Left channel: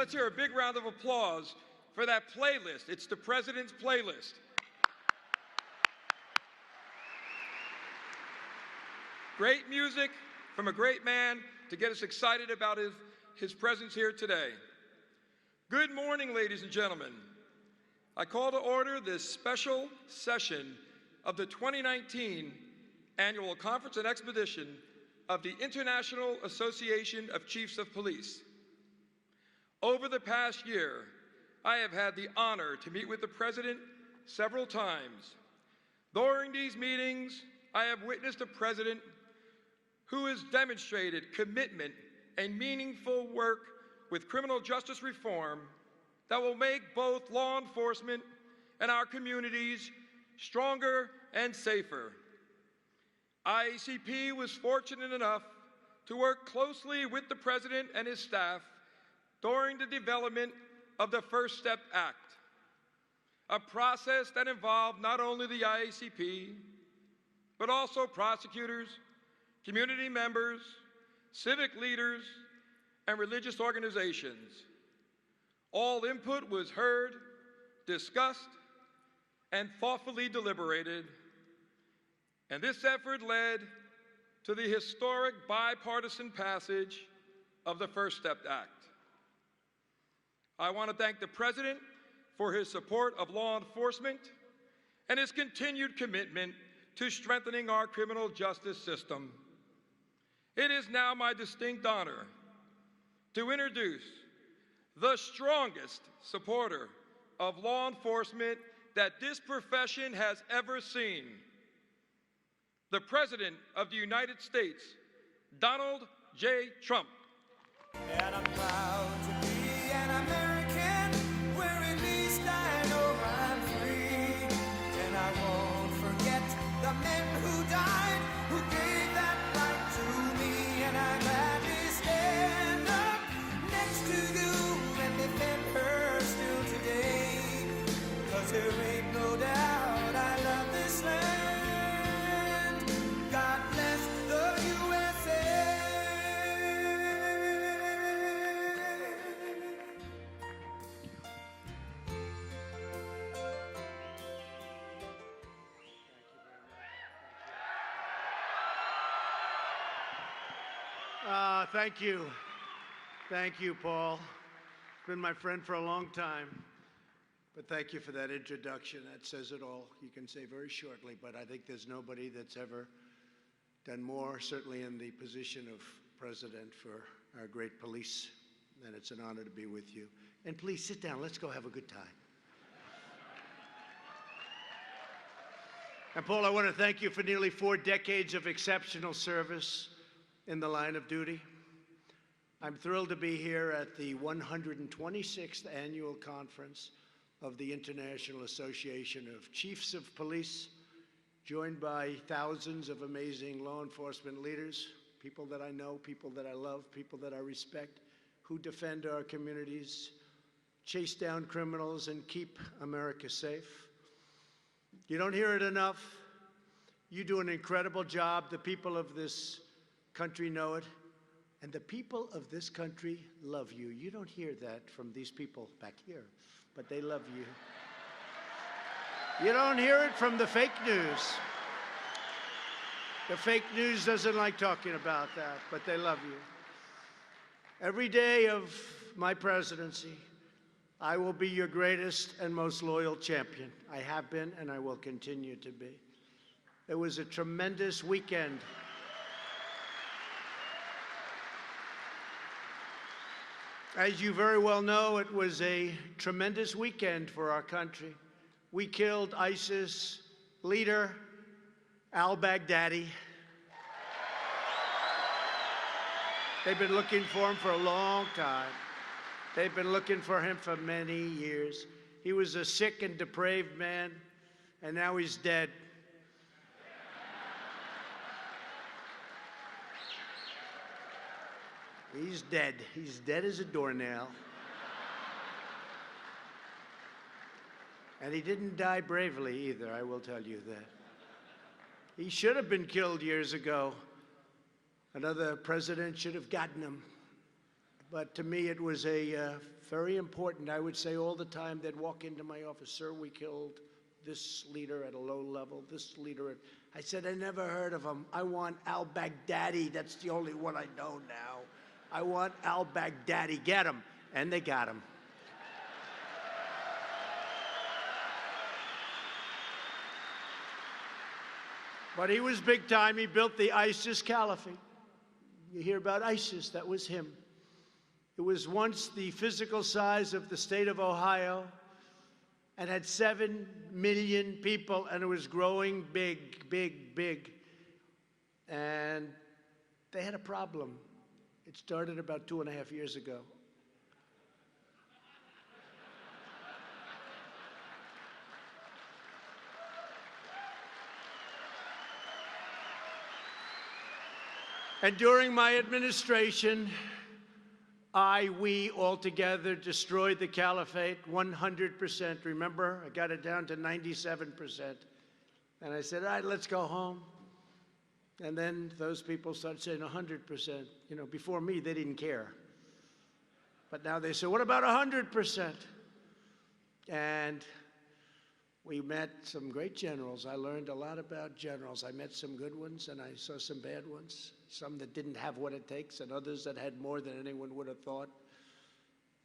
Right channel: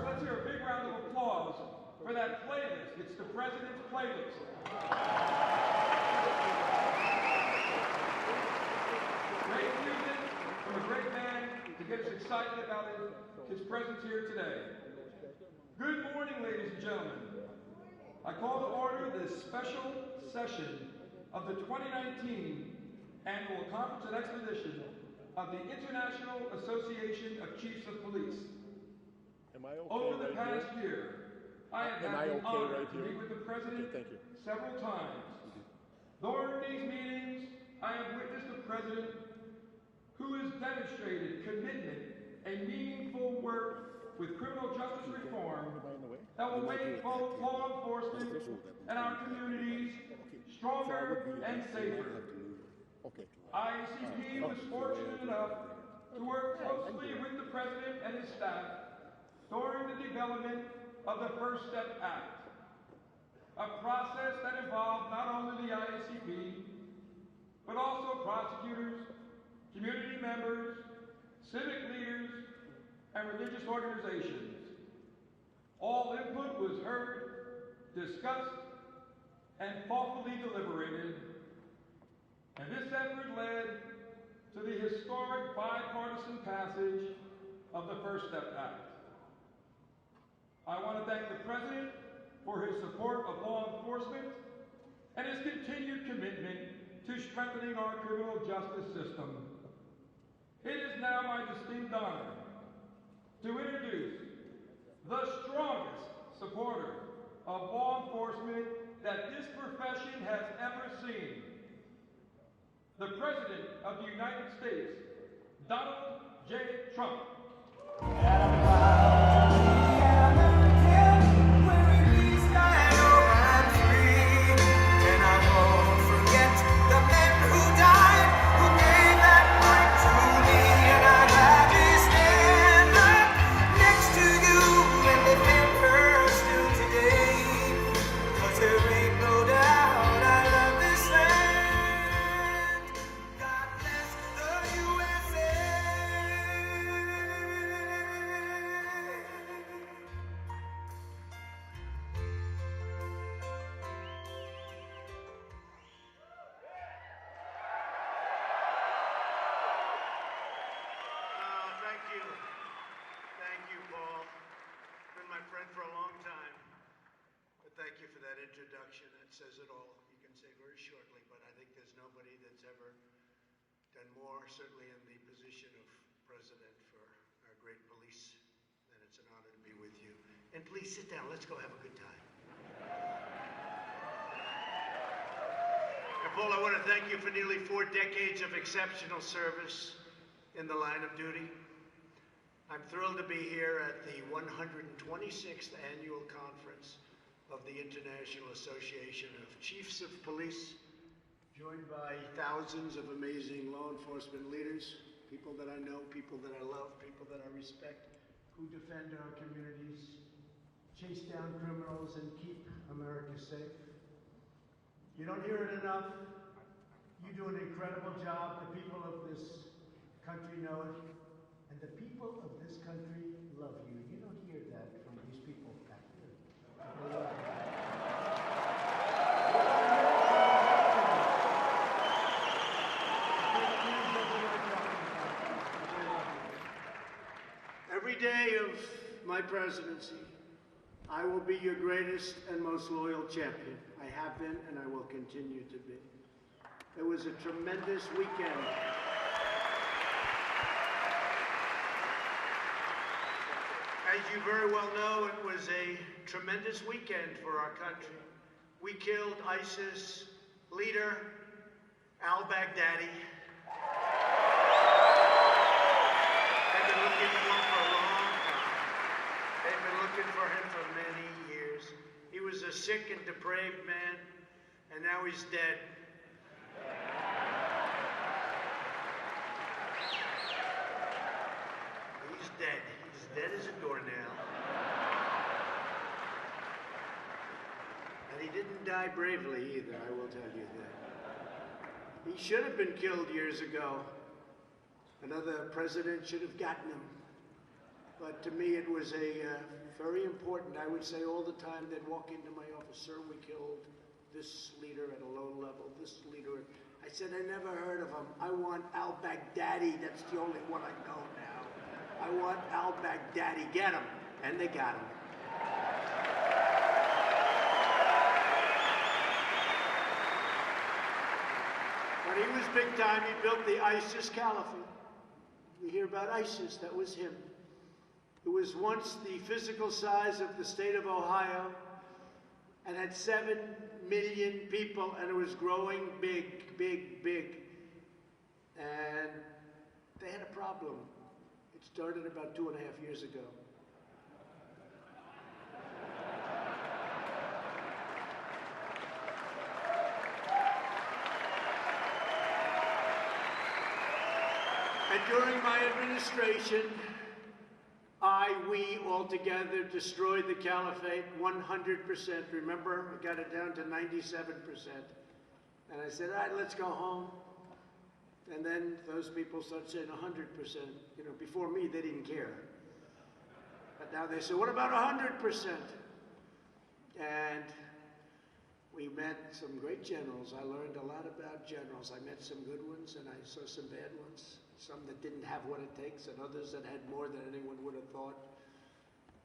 let's hear a big round of applause for that playlist. It's the President's Playlist. Great music from a great man to get us excited about his presence here today. Good morning, ladies and gentlemen. I call to order this special session of the 2019 Annual Conference and Expedition of the International Association of Chiefs of Police. Over the past year, I have had the honor to meet with the President several times. During these meetings, I have witnessed a President who has demonstrated commitment and meaningful work with criminal justice reform that will make both law enforcement and our communities stronger and safer. IACP was fortunate enough to work closely with the President and his staff during the development of the First Step Act, a process that involved not only the IACP, but also prosecutors, community members, civic leaders, and religious organizations. All input was heard, discussed, and thoughtfully deliberated, and this effort led to the historic bipartisan passage of the First Step Act. I want to thank the President for his support of law enforcement and his continued commitment to strengthening our criminal justice system. It is now my distinct honor to introduce the strongest supporter of law enforcement that this profession has ever seen, the President of the United States, Donald J. Trump. Thank you. Thank you, Paul. Been my friend for a long time. But thank you for that introduction. That says it all. You can say very shortly, but I think there's nobody that's ever done more, certainly in the position of president, for our great police. And it's an honor to be with you. And please sit down. Let's go have a good time. And Paul, I want to thank you for nearly 4 decades of exceptional service in the line of duty. I'm thrilled to be here at the 126th Annual Conference of the International Association of Chiefs of Police, joined by thousands of amazing law enforcement leaders, people that I know, people that I love, people that I respect, who defend our communities, chase down criminals, and keep America safe. You don't hear it enough. You do an incredible job. The people of this country know it. And the people of this country love you. You don't hear that from these people back here, but they love you. You don't hear it from the fake news. The fake news doesn't like talking about that, but they love you. Every day of my presidency, I will be your greatest and most loyal champion. I have been and I will continue to be. It was a tremendous weekend. As you very well know, it was a tremendous weekend for our country. We killed ISIS leader al-Baghdadi. They've been looking for him for a long time. They've been looking for him for many years. He was a sick and depraved man, and now he's dead. He's dead. He's dead as a doornail. And he didn't die bravely either, I will tell you that. He should have been killed years ago. Another president should have gotten him. But to me, it was a very important. I would say all the time, they'd walk into my office, sir, we killed this leader at a low level, this leader. I said, I never heard of him. I want al-Baghdadi. That's the only one I know now. I want al-Baghdadi. Get him. And they got him. But he was big time. He built the ISIS caliphate. You hear about ISIS, that was him. It was once the physical size of the state of Ohio and had 7 million people, and it was growing big, big, big. And they had a problem. It started about 2.5 years ago. And during my administration, we all together destroyed the caliphate 100%. Remember, I got it down to 97%. And I said, all right, let's go home. And then those people started saying 100%. You know, before me, they didn't care. But now they say, what about 100%? And we met some great generals. I learned a lot about generals. I met some good ones, and I saw some bad ones. Some that didn't have what it takes, and others that had more than anyone would have thought.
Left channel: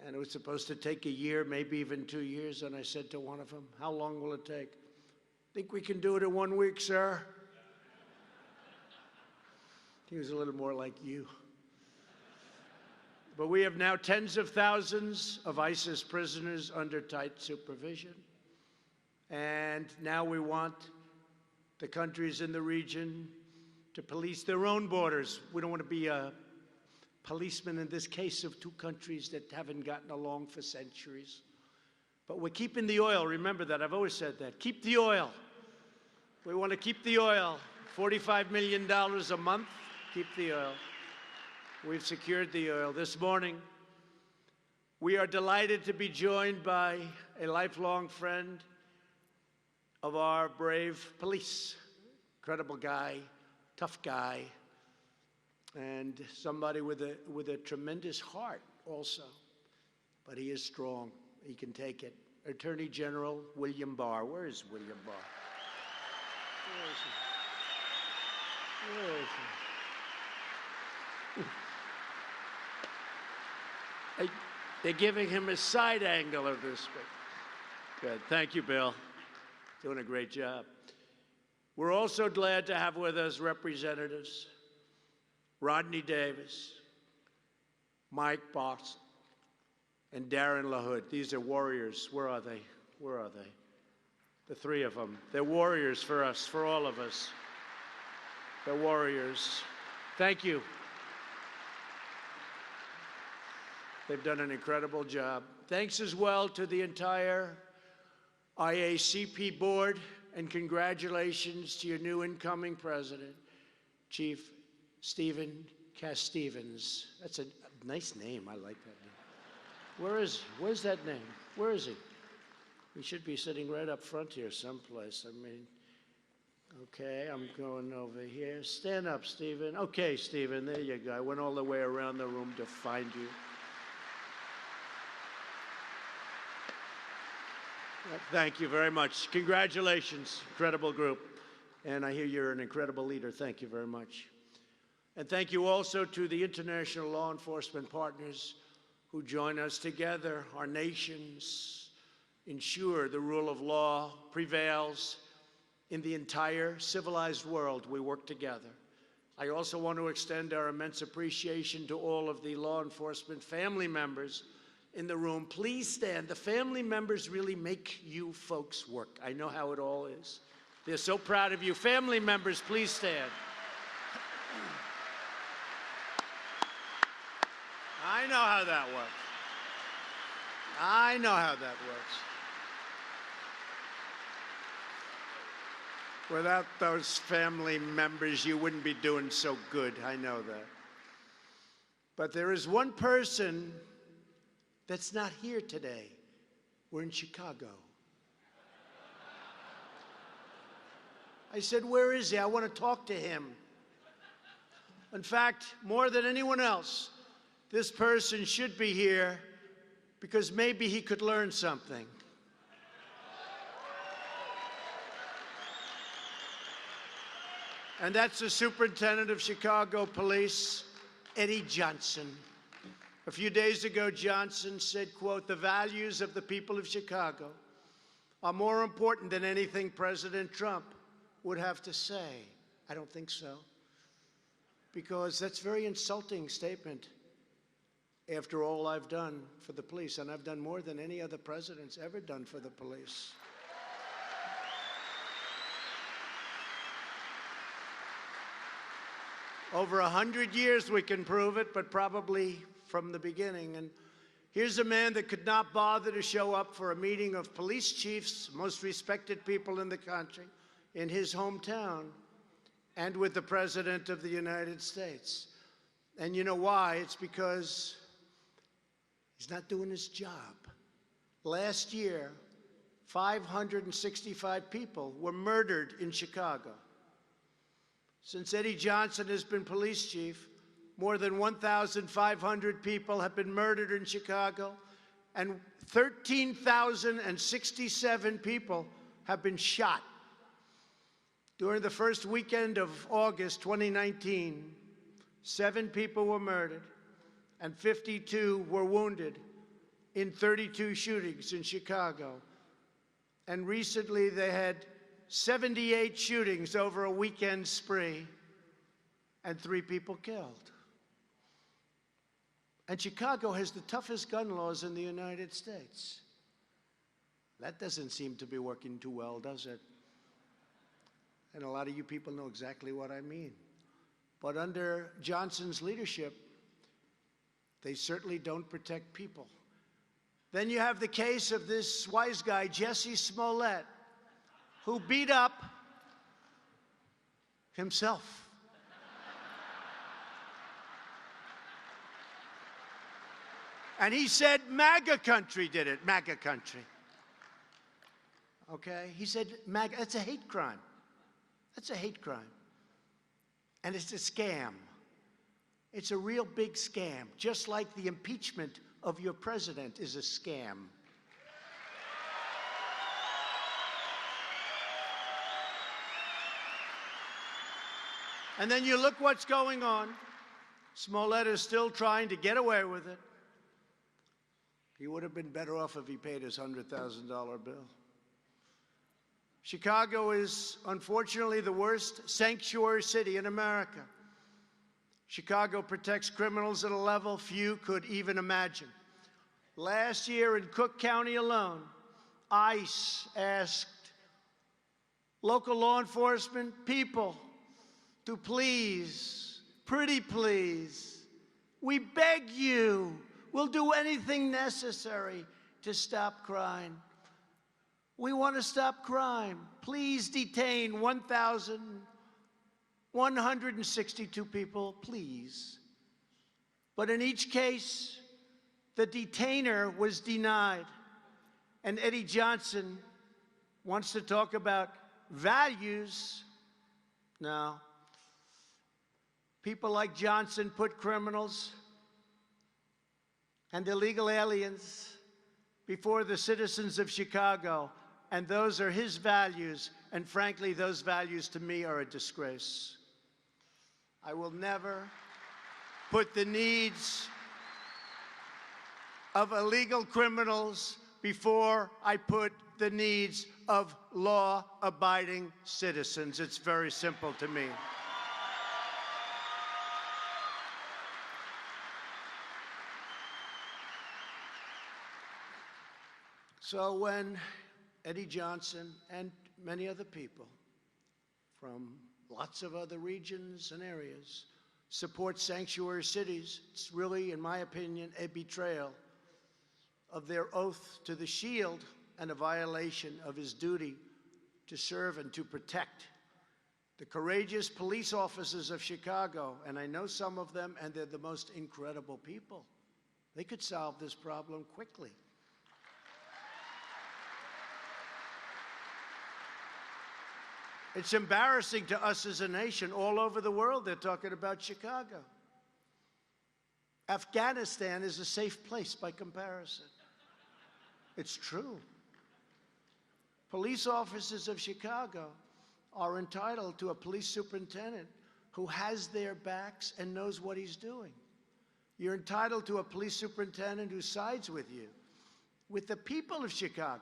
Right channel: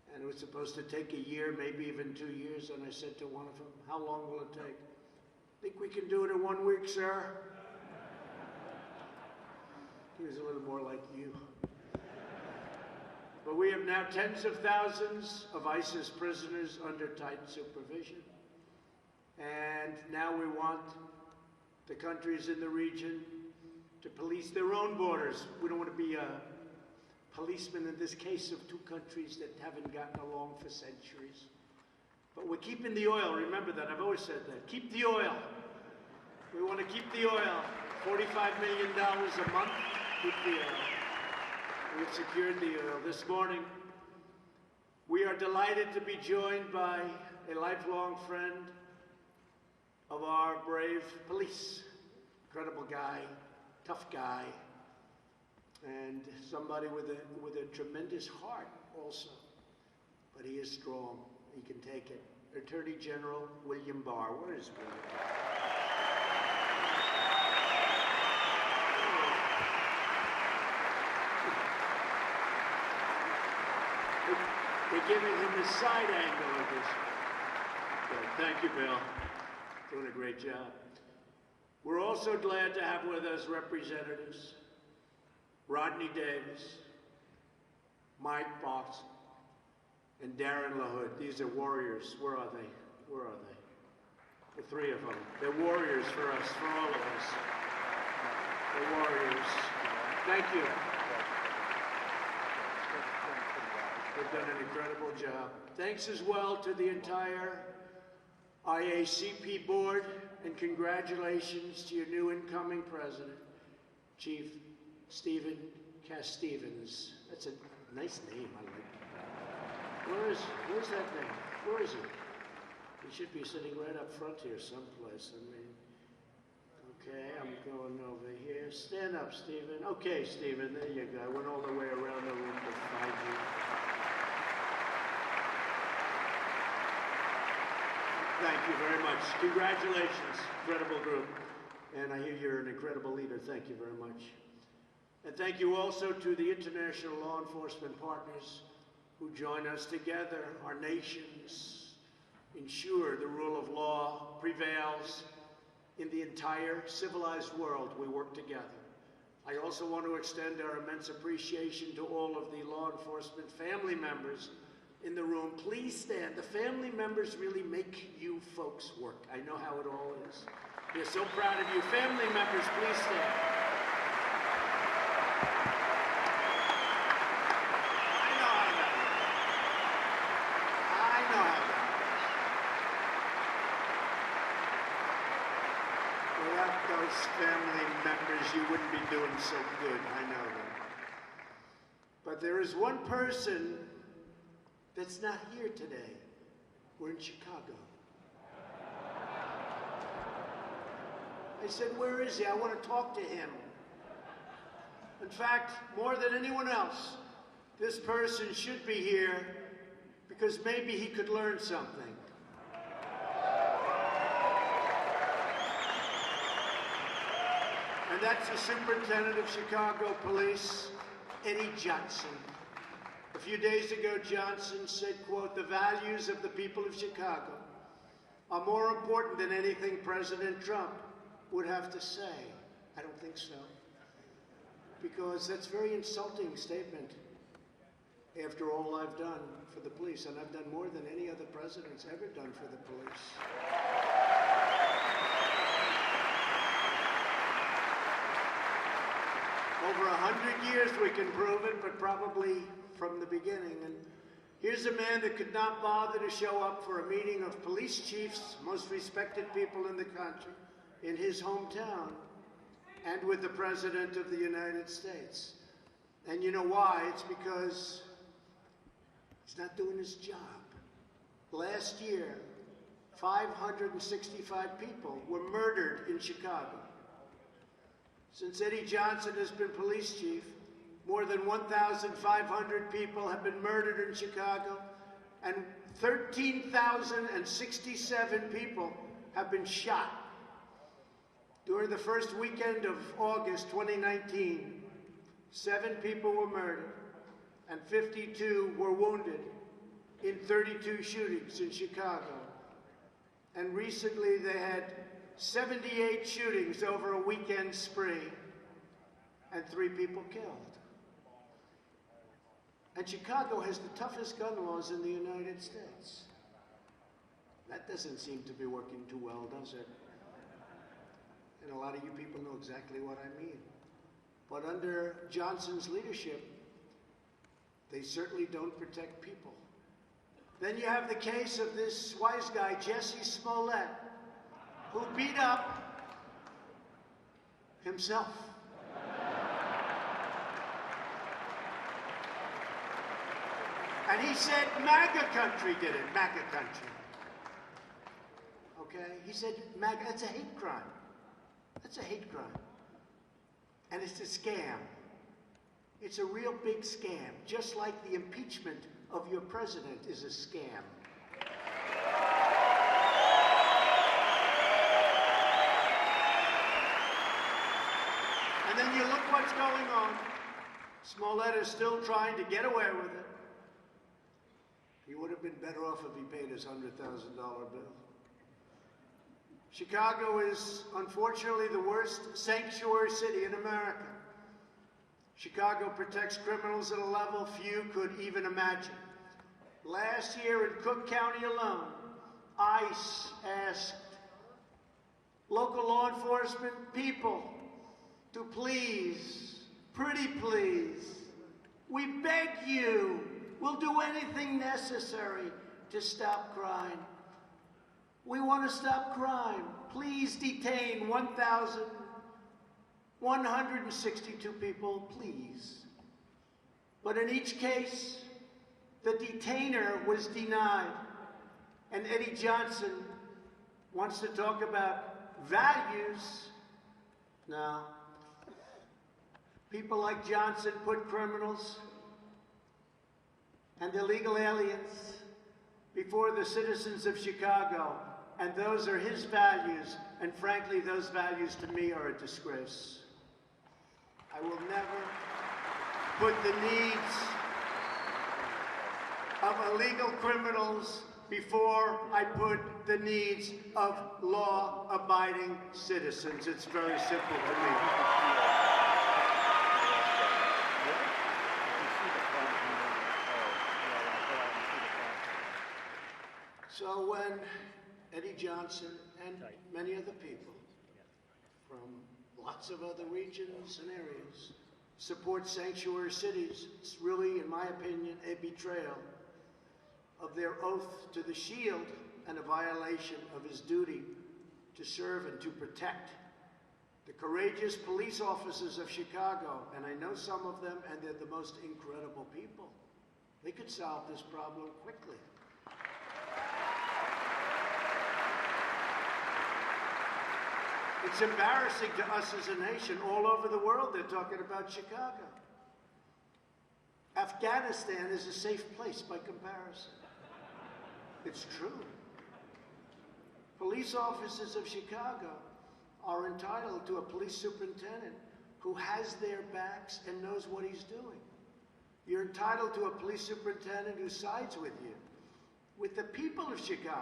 And it was supposed to take a year, maybe even 2 years. And I said to one of them, how long will it take? Think we can do it in 1 week, sir? He was a little more like you. But we have now tens of thousands of ISIS prisoners under tight supervision. And now we want the countries in the region to police their own borders. We don't want to be a policeman in this case of 2 countries that haven't gotten along for centuries. But we're keeping the oil. Remember that. I've always said that. Keep the oil. We want to keep the oil. $45 million a month. Keep the oil. We've secured the oil. This morning, we are delighted to be joined by a lifelong friend of our brave police. Incredible guy. Tough guy, and somebody with a tremendous heart also. But he is strong. He can take it. Attorney General William Barr. Where is William Barr? They're giving him a side angle of this. Good. Thank you, Bill. Doing a great job. We're also glad to have with us representatives Rodney Davis, Mike Box, and Darren LaHood. These are warriors. Where are they? Where are they? The 3 of them. They're warriors for us, for all of us. They're warriors. Thank you. They've done an incredible job. Thanks as well to the entire IACP board. And congratulations to your new incoming president, Chief Stephen Cass-Stevens. That's a nice name, I like it. Where is he? Where's that name? Where is he? He should be sitting right up front here someplace. I mean, okay, I'm going over here. Stand up, Stephen. Okay, Stephen, there you go. I went all the way around the room to find you. Thank you very much. Congratulations, incredible group. And I hear you're an incredible leader. Thank you very much. And thank you also to the international law enforcement partners who join us together. Our nations ensure the rule of law prevails in the entire civilized world. We work together. I also want to extend our immense appreciation to all of the law enforcement family members in the room. Please stand. The family members really make you folks work. I know how it all is. They're so proud of you. Family members, please stand. I know how that works. I know how that works. Without those family members, you wouldn't be doing so good. I know that. But there is one person that's not here today. We're in Chicago. I said, where is he? I want to talk to him. In fact, more than anyone else, this person should be here because maybe he could learn something. And that's the Superintendent of Chicago Police, Eddie Johnson. A few days ago, Johnson said, quote, "The values of the people of Chicago are more important than anything President Trump would have to say." I don't think so, because that's a very insulting statement after all I've done for the police, and I've done more than any other president's ever done for the police. Over 100 years we can prove it, but probably from the beginning. And here's a man that could not bother to show up for a meeting of police chiefs, most respected people in the country, in his hometown, and with the President of the United States. And you know why? It's because he's not doing his job. Last year, 565 people were murdered in Chicago. Since Eddie Johnson has been police chief, more than 1,500 people have been murdered in Chicago, and 13,067 people have been shot. During the first weekend of August 2019, 7 people were murdered and 52 were wounded in 32 shootings in Chicago. And recently they had 78 shootings over a weekend spree and 3 people killed. And Chicago has the toughest gun laws in the United States. That doesn't seem to be working too well, does it? And a lot of you people know exactly what I mean. But under Johnson's leadership, they certainly don't protect people. Then you have the case of this wise guy, Jesse Smollett, who beat up himself. And he said MAGA country did it, MAGA country. Okay? He said MAGA, that's a hate crime. That's a hate crime. And it's a scam. It's a real big scam, just like the impeachment of your president is a scam. And then you look what's going on. Smollett is still trying to get away with it. He would have been better off if he paid his $100,000 bill. Chicago is, unfortunately, the worst sanctuary city in America. Chicago protects criminals at a level few could even imagine. Last year in Cook County alone, ICE asked local law enforcement people to please, pretty please, we beg you, we'll do anything necessary to stop crime. We want to stop crime. Please detain 1,162 people, please. But in each case, the detainer was denied. And Eddie Johnson wants to talk about values. No. People like Johnson put criminals and illegal aliens before the citizens of Chicago. And those are his values, and frankly, those values to me are a disgrace. I will never put the needs of illegal criminals before I put the needs of law-abiding citizens. It's very simple to me. So when Eddie Johnson and many other people from lots of other regions and areas support sanctuary cities, it's really, in my opinion, a betrayal of their oath to the Shield and a violation of his duty to serve and to protect the courageous police officers of Chicago. And I know some of them, and they're the most incredible people. They could solve this problem quickly. It's embarrassing to us as a nation. All over the world, they're talking about Chicago. Afghanistan is a safe place by comparison. It's true. Police officers of Chicago are entitled to a police superintendent who has their backs and knows what he's doing. You're entitled to a police superintendent who sides with you, with the people of Chicago.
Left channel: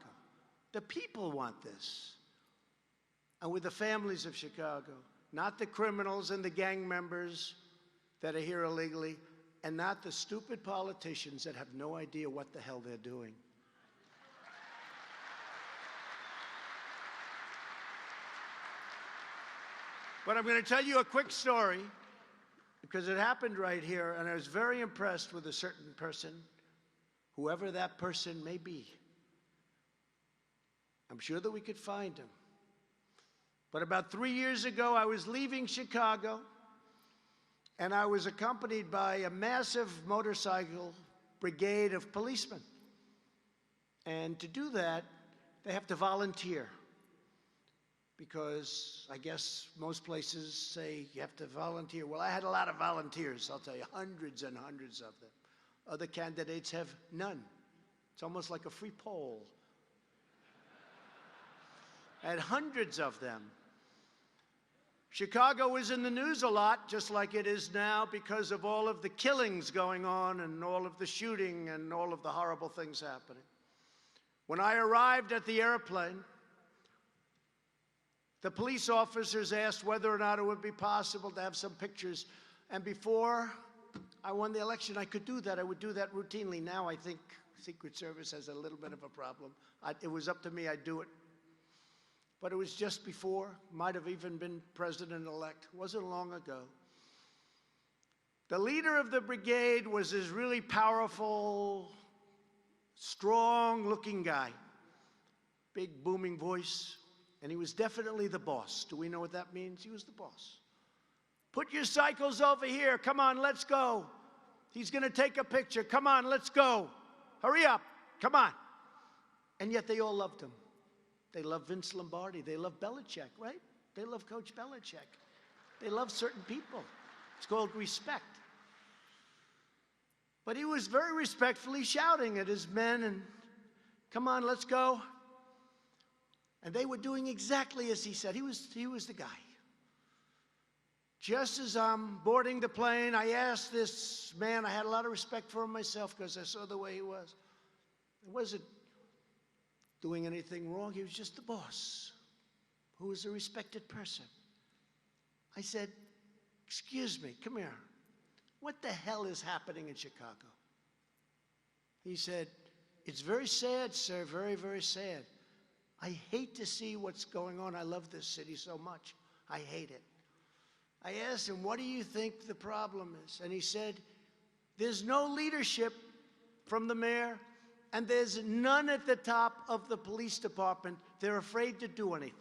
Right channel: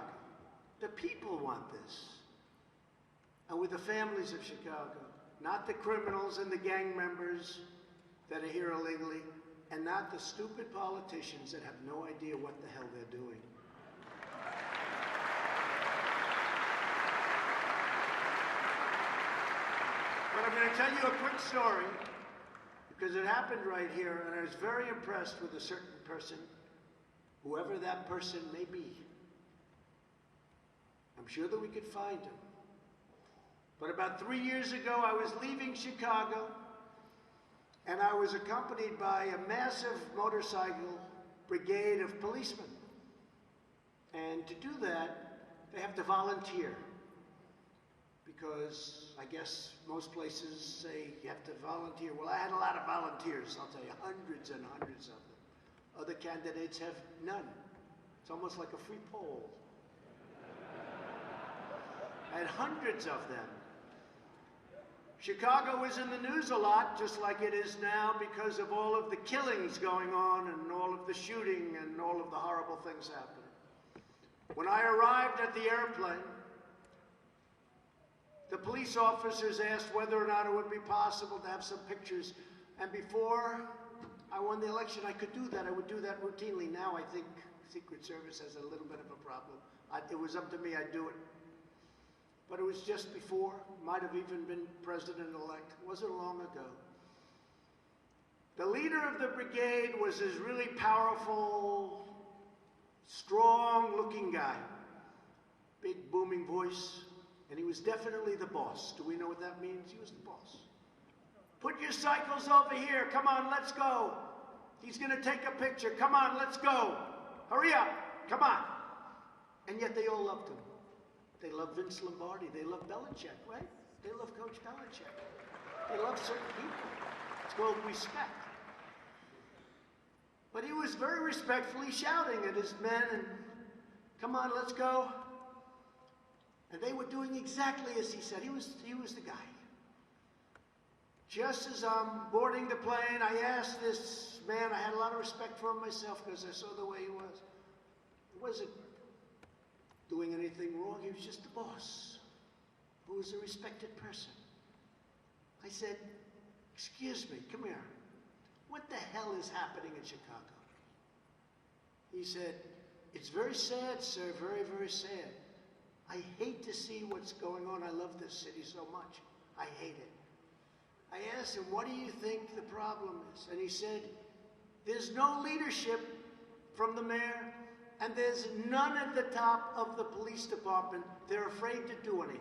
The people want this. And with the families of Chicago, not the criminals and the gang members that are here illegally, and not the stupid politicians that have no idea what the hell they're doing. But I'm going to tell you a quick story, because it happened right here, and I was very impressed with a certain person, whoever that person may be. I'm sure that we could find him. But about 3 years ago, I was leaving Chicago, and I was accompanied by a massive motorcycle brigade of policemen. And to do that, they have to volunteer, because I guess most places say you have to volunteer. Well, I had a lot of volunteers, I'll tell you, hundreds and hundreds of them. Other candidates have none. It's almost like a free poll. And hundreds of them. Chicago was in the news a lot, just like it is now, because of all of the killings going on and all of the shooting and all of the horrible things happening. When I arrived at the airplane, the police officers asked whether or not it would be possible to have some pictures. And before I won the election, I could do that. I would do that routinely. Now I think Secret Service has a little bit of a problem. It was up to me, I'd do it. But it was just before, might have even been president-elect. It wasn't long ago. The leader of the brigade was this really powerful, strong-looking guy. Big, booming voice. And he was definitely the boss. Do we know what that means? He was the boss. Put your cycles over here. Come on, let's go. He's going to take a picture. Come on, let's go. Hurry up. Come on. And yet they all loved him. They love Vince Lombardi. They love Belichick, right? They love Coach Belichick. They love certain people. It's called respect. But he was very respectfully shouting at his men, and come on, let's go. And they were doing exactly as he said. He was the guy. Just as I'm boarding the plane, I asked this man, I had a lot of respect for him myself because I saw the way he was. He wasn't doing anything wrong. He was just the boss, who was a respected person. I said, excuse me, come here. What the hell is happening in Chicago? He said, it's very sad, sir, very, very sad. I hate to see what's going on. I love this city so much. I hate it. I asked him, what do you think the problem is? And he said, there's no leadership from the mayor, and there's none at the top of the police department. They're afraid to do anything.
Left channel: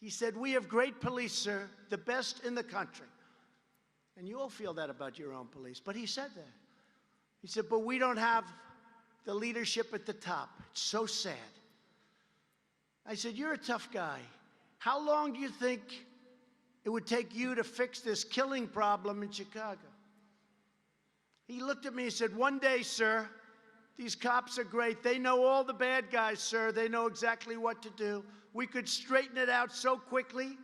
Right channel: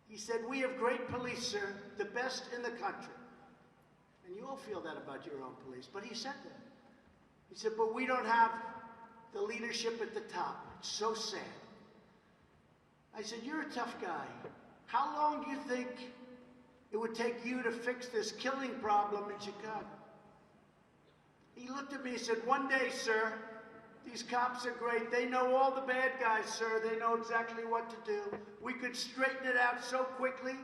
He said, we have great police, sir, the best in the country. And you all feel that about your own police, but he said that. He said, but we don't have the leadership at the top. It's so sad. I said, you're a tough guy. How long do you think it would take you to fix this killing problem in Chicago? He looked at me and said, one day, sir, these cops are great. They know all the bad guys, sir. They know exactly what to do. We could straighten it out so quickly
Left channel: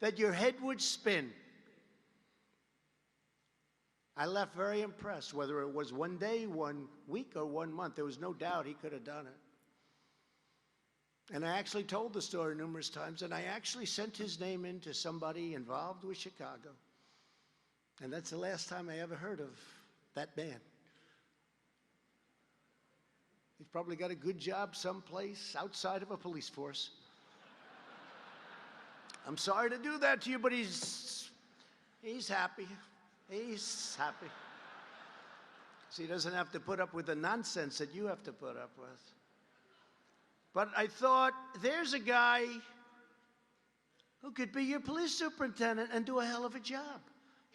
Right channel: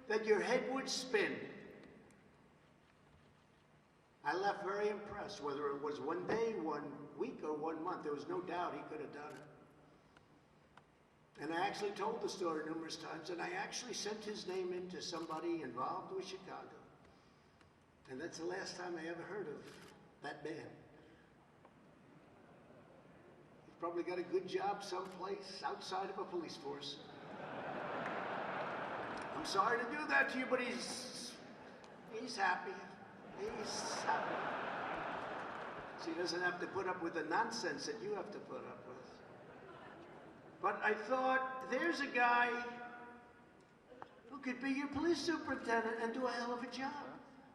that your head would spin. I left very impressed, whether it was one day, 1 week, or 1 month. There was no doubt he could have done it. And I actually told the story numerous times, and I actually sent his name in to somebody involved with Chicago. And that's the last time I ever heard of that man. He's probably got a good job someplace outside of a police force. I'm sorry to do that to you, but he's happy. He's happy. So he doesn't have to put up with the nonsense that you have to put up with. But I thought, there's a guy who could be your police superintendent and do a hell of a job.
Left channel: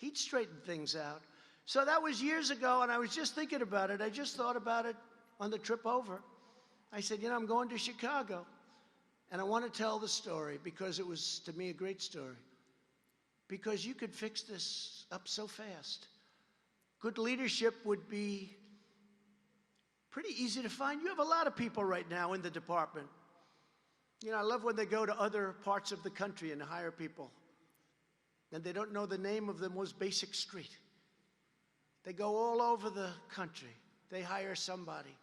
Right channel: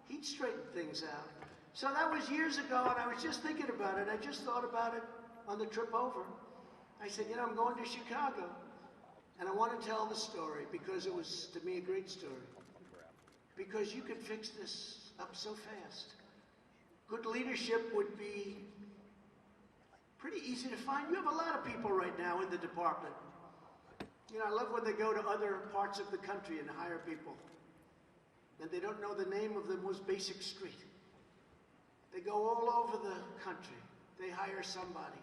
He'd straighten things out. So that was years ago, and I was just thinking about it. I just thought about it on the trip over. I said, you know, I'm going to Chicago, and I want to tell the story because it was, to me, a great story. Because you could fix this up so fast. Good leadership would be Pretty easy to find. You have a lot of people right now in the department. You know, I love when they go to other parts of the country and hire people, and they don't know the name of the most basic street. They go all over the country. They hire somebody.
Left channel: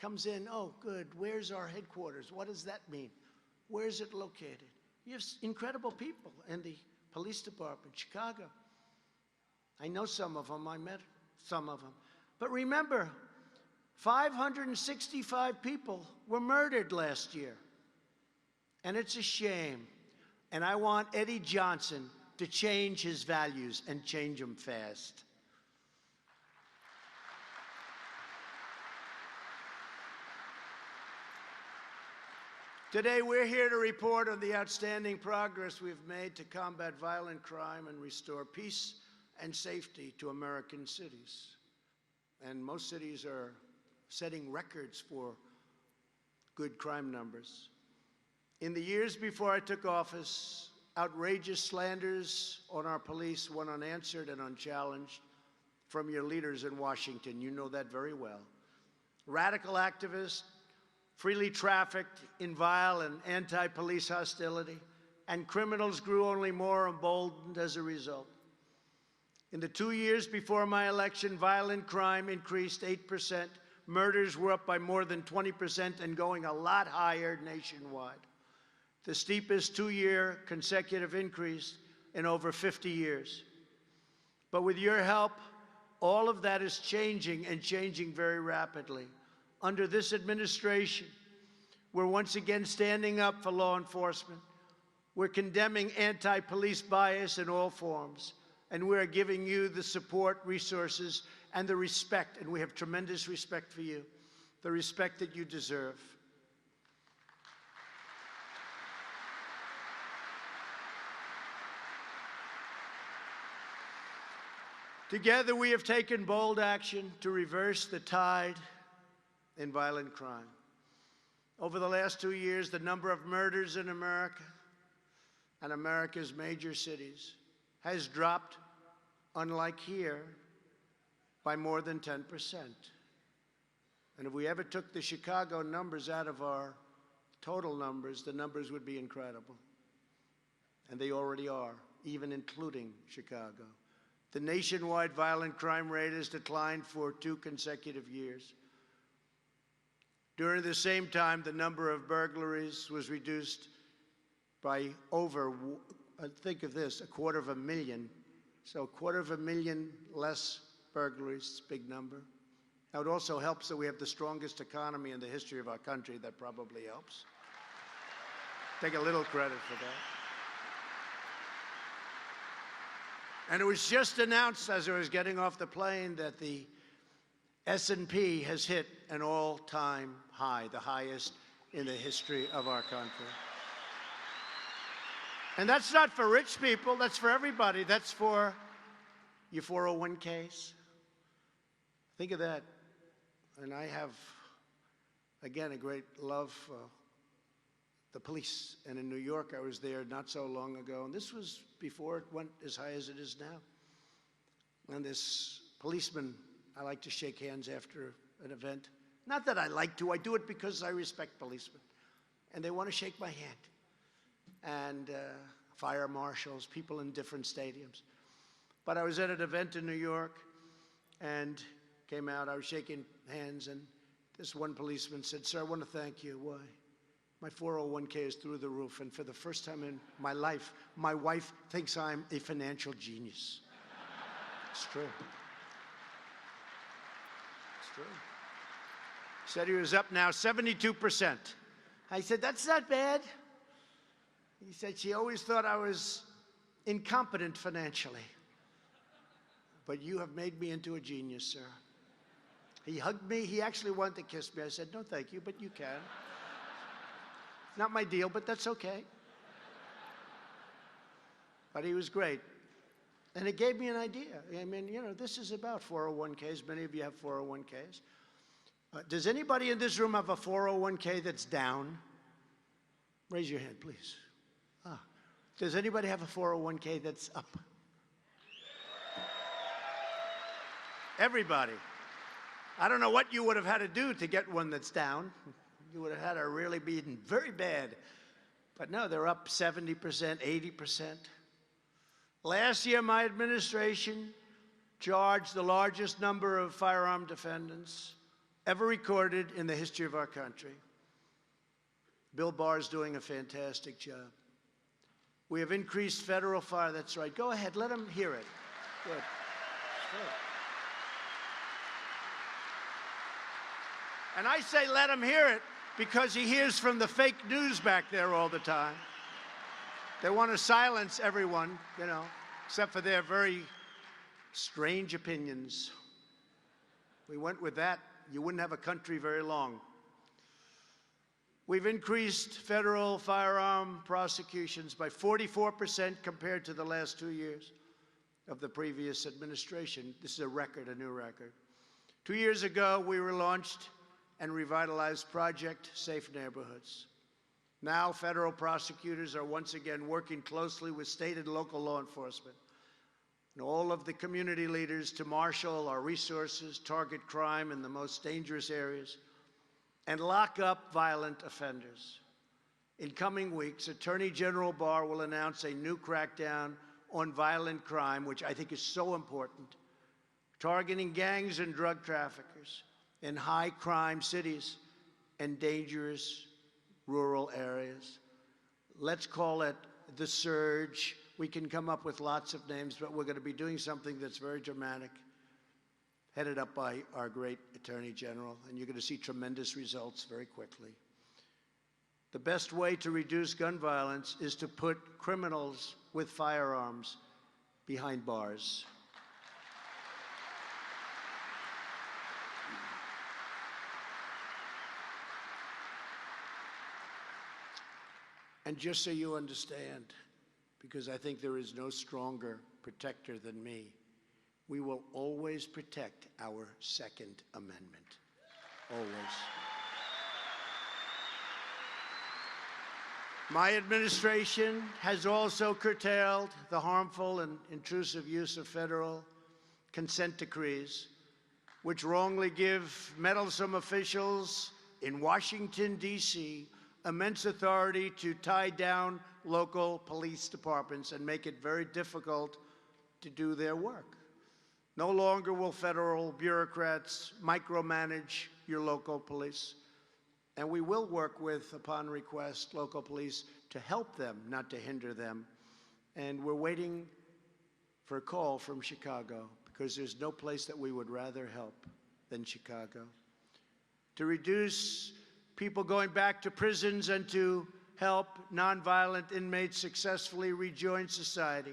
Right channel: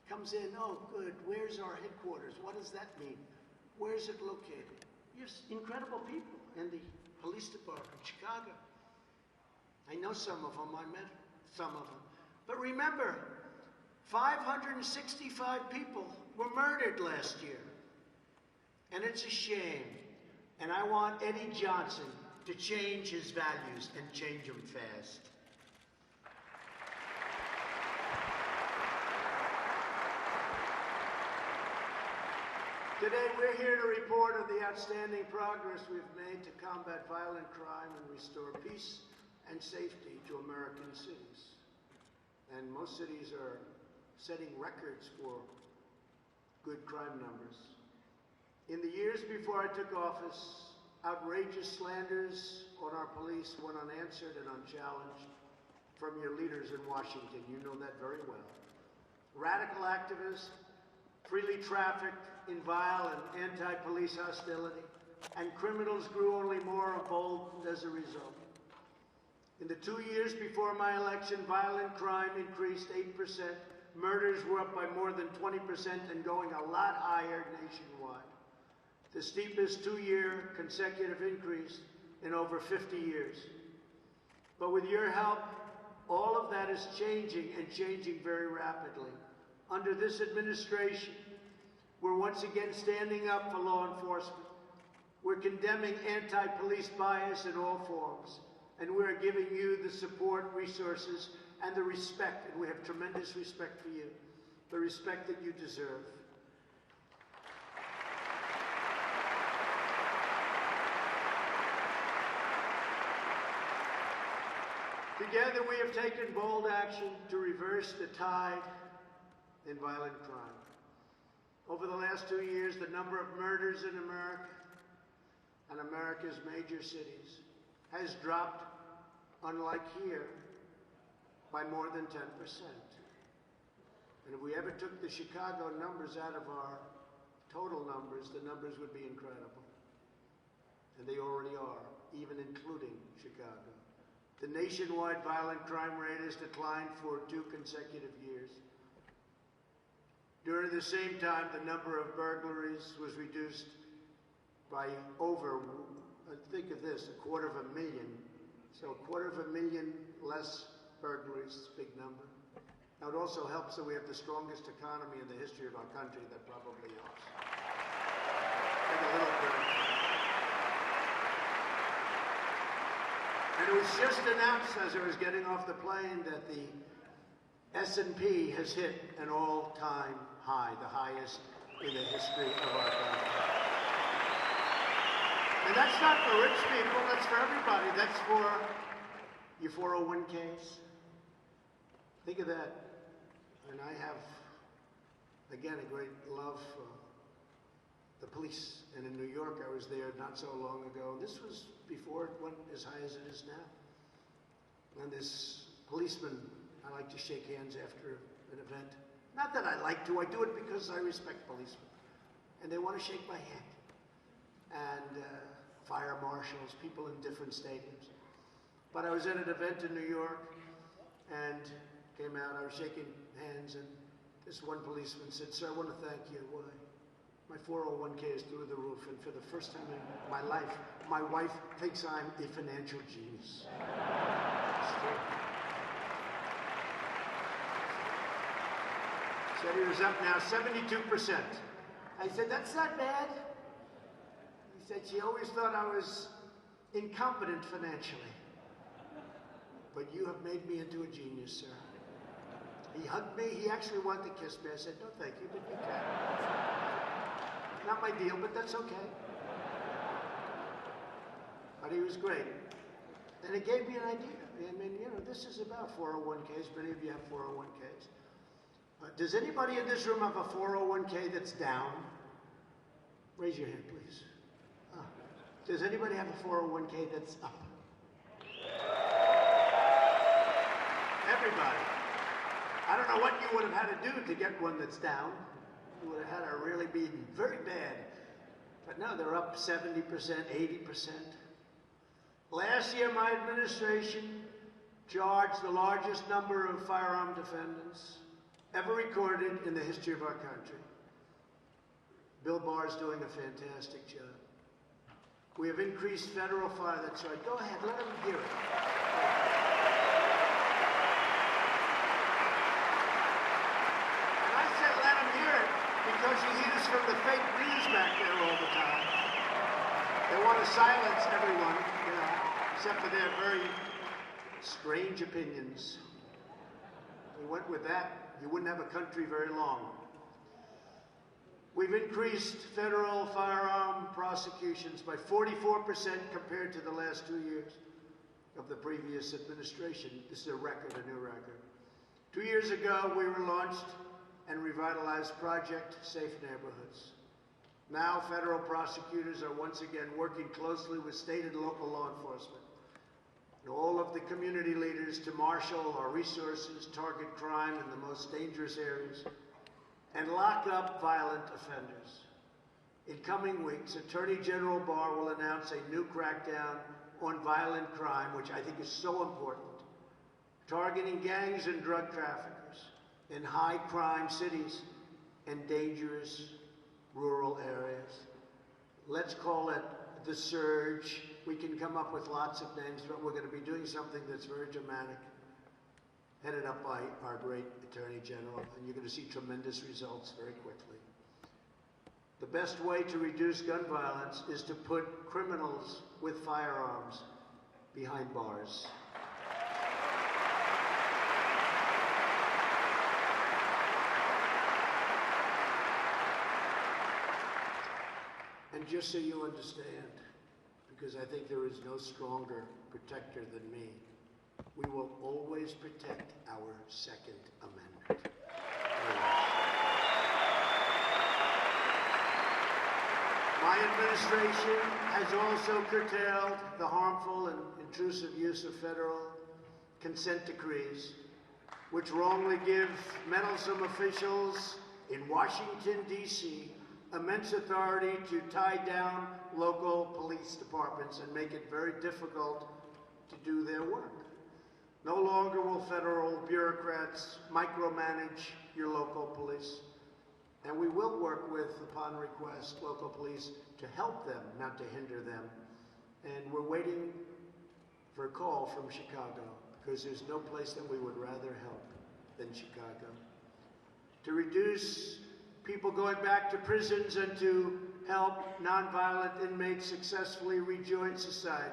Comes in, oh, good, where's our headquarters? What does that mean? Where's it located? You have incredible people in the police department, Chicago. I know some of them, I met some of them. But remember, 565 people were murdered last year. And it's a shame. And I want Eddie Johnson to change his values and change them fast. Today, we're here to report on the outstanding progress we've made to combat violent crime and restore peace and safety to American cities. And most cities are setting records for good crime numbers. In the years before I took office, outrageous slanders on our police went unanswered and unchallenged from your leaders in Washington. You know that very well. Radical activists freely trafficked in vile and anti-police hostility, and criminals grew only more emboldened as a result. In the 2 years before my election, violent crime increased 8%, murders were up by more than 20% and going a lot higher nationwide. The steepest 2-year consecutive increase in over 50 years. But with your help, all of that is changing and changing very rapidly. Under this administration, we're once again standing up for law enforcement. We're condemning anti-police bias in all forms, and we're giving you the support, resources, and the respect, and we have tremendous respect for you, the respect that you deserve. Together, we have taken bold action to reverse the tide in violent crime. Over the last 2 years, the number of murders in America and America's major cities has dropped, unlike here, by more than 10%. And if we ever took the Chicago numbers out of our total numbers, the numbers would be incredible. And they already are, even including Chicago. The nationwide violent crime rate has declined for 2 consecutive years. During the same time, the number of burglaries was reduced by over, think of this, 250,000. So 250,000 less burglaries, big number. Now it also helps that we have the strongest economy in the history of our country. That probably helps. Take a little credit for that. And it was just announced as I was getting off the plane that the S&P has hit an all-time high, the highest in the history of our country. And that's not for rich people, that's for everybody. That's for your 401ks. Think of that. And I have, again, a great love for the police. And in New York, I was there not so long ago. This was before it went as high as it is now. And this policeman, I like to shake hands after an event. Not that I like to, I do it because I respect policemen. And they want to shake my hand. And fire marshals, people in different stadiums. But I was at an event in New York and came out, I was shaking hands, and this one policeman said, "Sir, I want to thank you. Why? My 401k is through the roof, and for the first time in my life, my wife thinks I'm a financial genius." It's true. Said he was up now 72%. I said, "That's not bad." He said, "She always thought I was incompetent financially. But you have made me into a genius, sir." He hugged me. He actually wanted to kiss me. I said, "No, thank you, but you can." Not my deal, but that's okay. But he was great. And it gave me an idea. I mean, you know, this is about 401ks. Many of you have 401ks. Does anybody in this room have a 401k that's down? Raise your hand, please. Does anybody have a 401k that's up? Everybody. I don't know what you would have had to do to get one that's down. You would have had to really be very bad. But no, they're up 70%, 80%. Last year, my administration charged the largest number of firearm defendants ever recorded in the history of our country. Bill Barr's doing a fantastic job. We have increased federal fire. That's right. Go ahead, let him hear it. And I say let him hear it because he hears from the fake news back there all the time. They want to silence everyone, you know, except for their very strange opinions. We went with that, you wouldn't have a country very long. We've increased federal firearm prosecutions by 44% compared to the last 2 years of the previous administration. This is a record, a new record. 2 years ago, we relaunched and revitalized Project Safe Neighborhoods. Now, federal prosecutors are once again working closely with state and local law enforcement and all of the community leaders to marshal our resources, target crime in the most dangerous areas, and lock up violent offenders. In coming weeks, Attorney General Barr will announce a new crackdown on violent crime, which I think is so important, targeting gangs and drug traffickers in high-crime cities and dangerous rural areas. Let's call it the surge. We can come up with lots of names, but we're going to be doing something that's very dramatic, headed up by our great Attorney General, and you're going to see tremendous results very quickly. The best way to reduce gun violence is to put criminals with firearms behind bars. And just so you understand, because I think there is no stronger protector than me, we will always protect our Second Amendment. Always. My administration has also curtailed the harmful and intrusive use of federal consent decrees, which wrongly give meddlesome officials in Washington, D.C., immense authority to tie down local police departments and make it very difficult to do their work. No longer will federal bureaucrats micromanage your local police. And we will work with, upon request, local police to help them, not to hinder them. And we're waiting for a call from Chicago, because there's no place that we would rather help than Chicago. To reduce people going back to prisons and to help nonviolent inmates successfully rejoin society.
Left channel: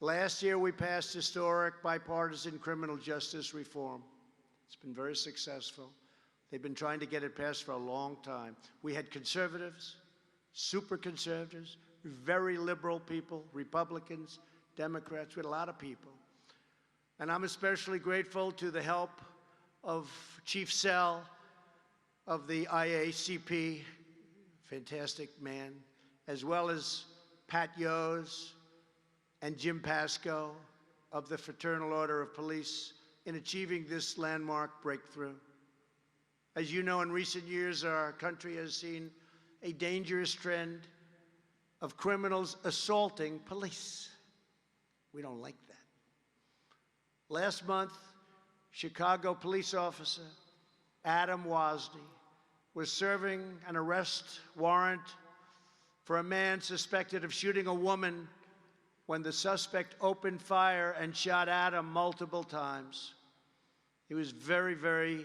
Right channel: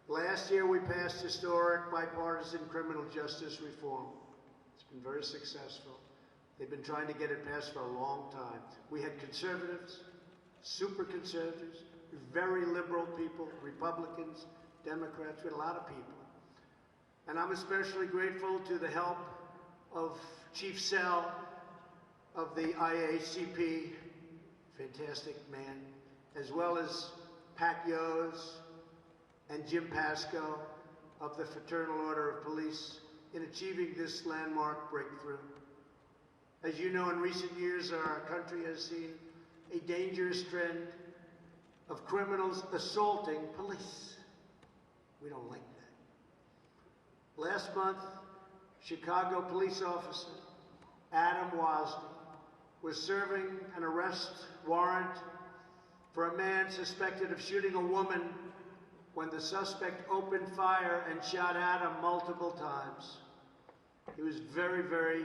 Last year, we passed historic bipartisan criminal justice reform. It's been very successful. They've been trying to get it passed for a long time. We had conservatives, super conservatives, very liberal people, Republicans, Democrats, we had a lot of people. And I'm especially grateful to the help of Chief Sell of the IACP, fantastic man, as well as Pat Yos and Jim Pasco of the Fraternal Order of Police in achieving this landmark breakthrough. As you know, in recent years, our country has seen a dangerous trend of criminals assaulting police. We don't like that. Last month, Chicago police officer Adam Wozni was serving an arrest warrant for a man suspected of shooting a woman when the suspect opened fire and shot Adam multiple times. He was very, very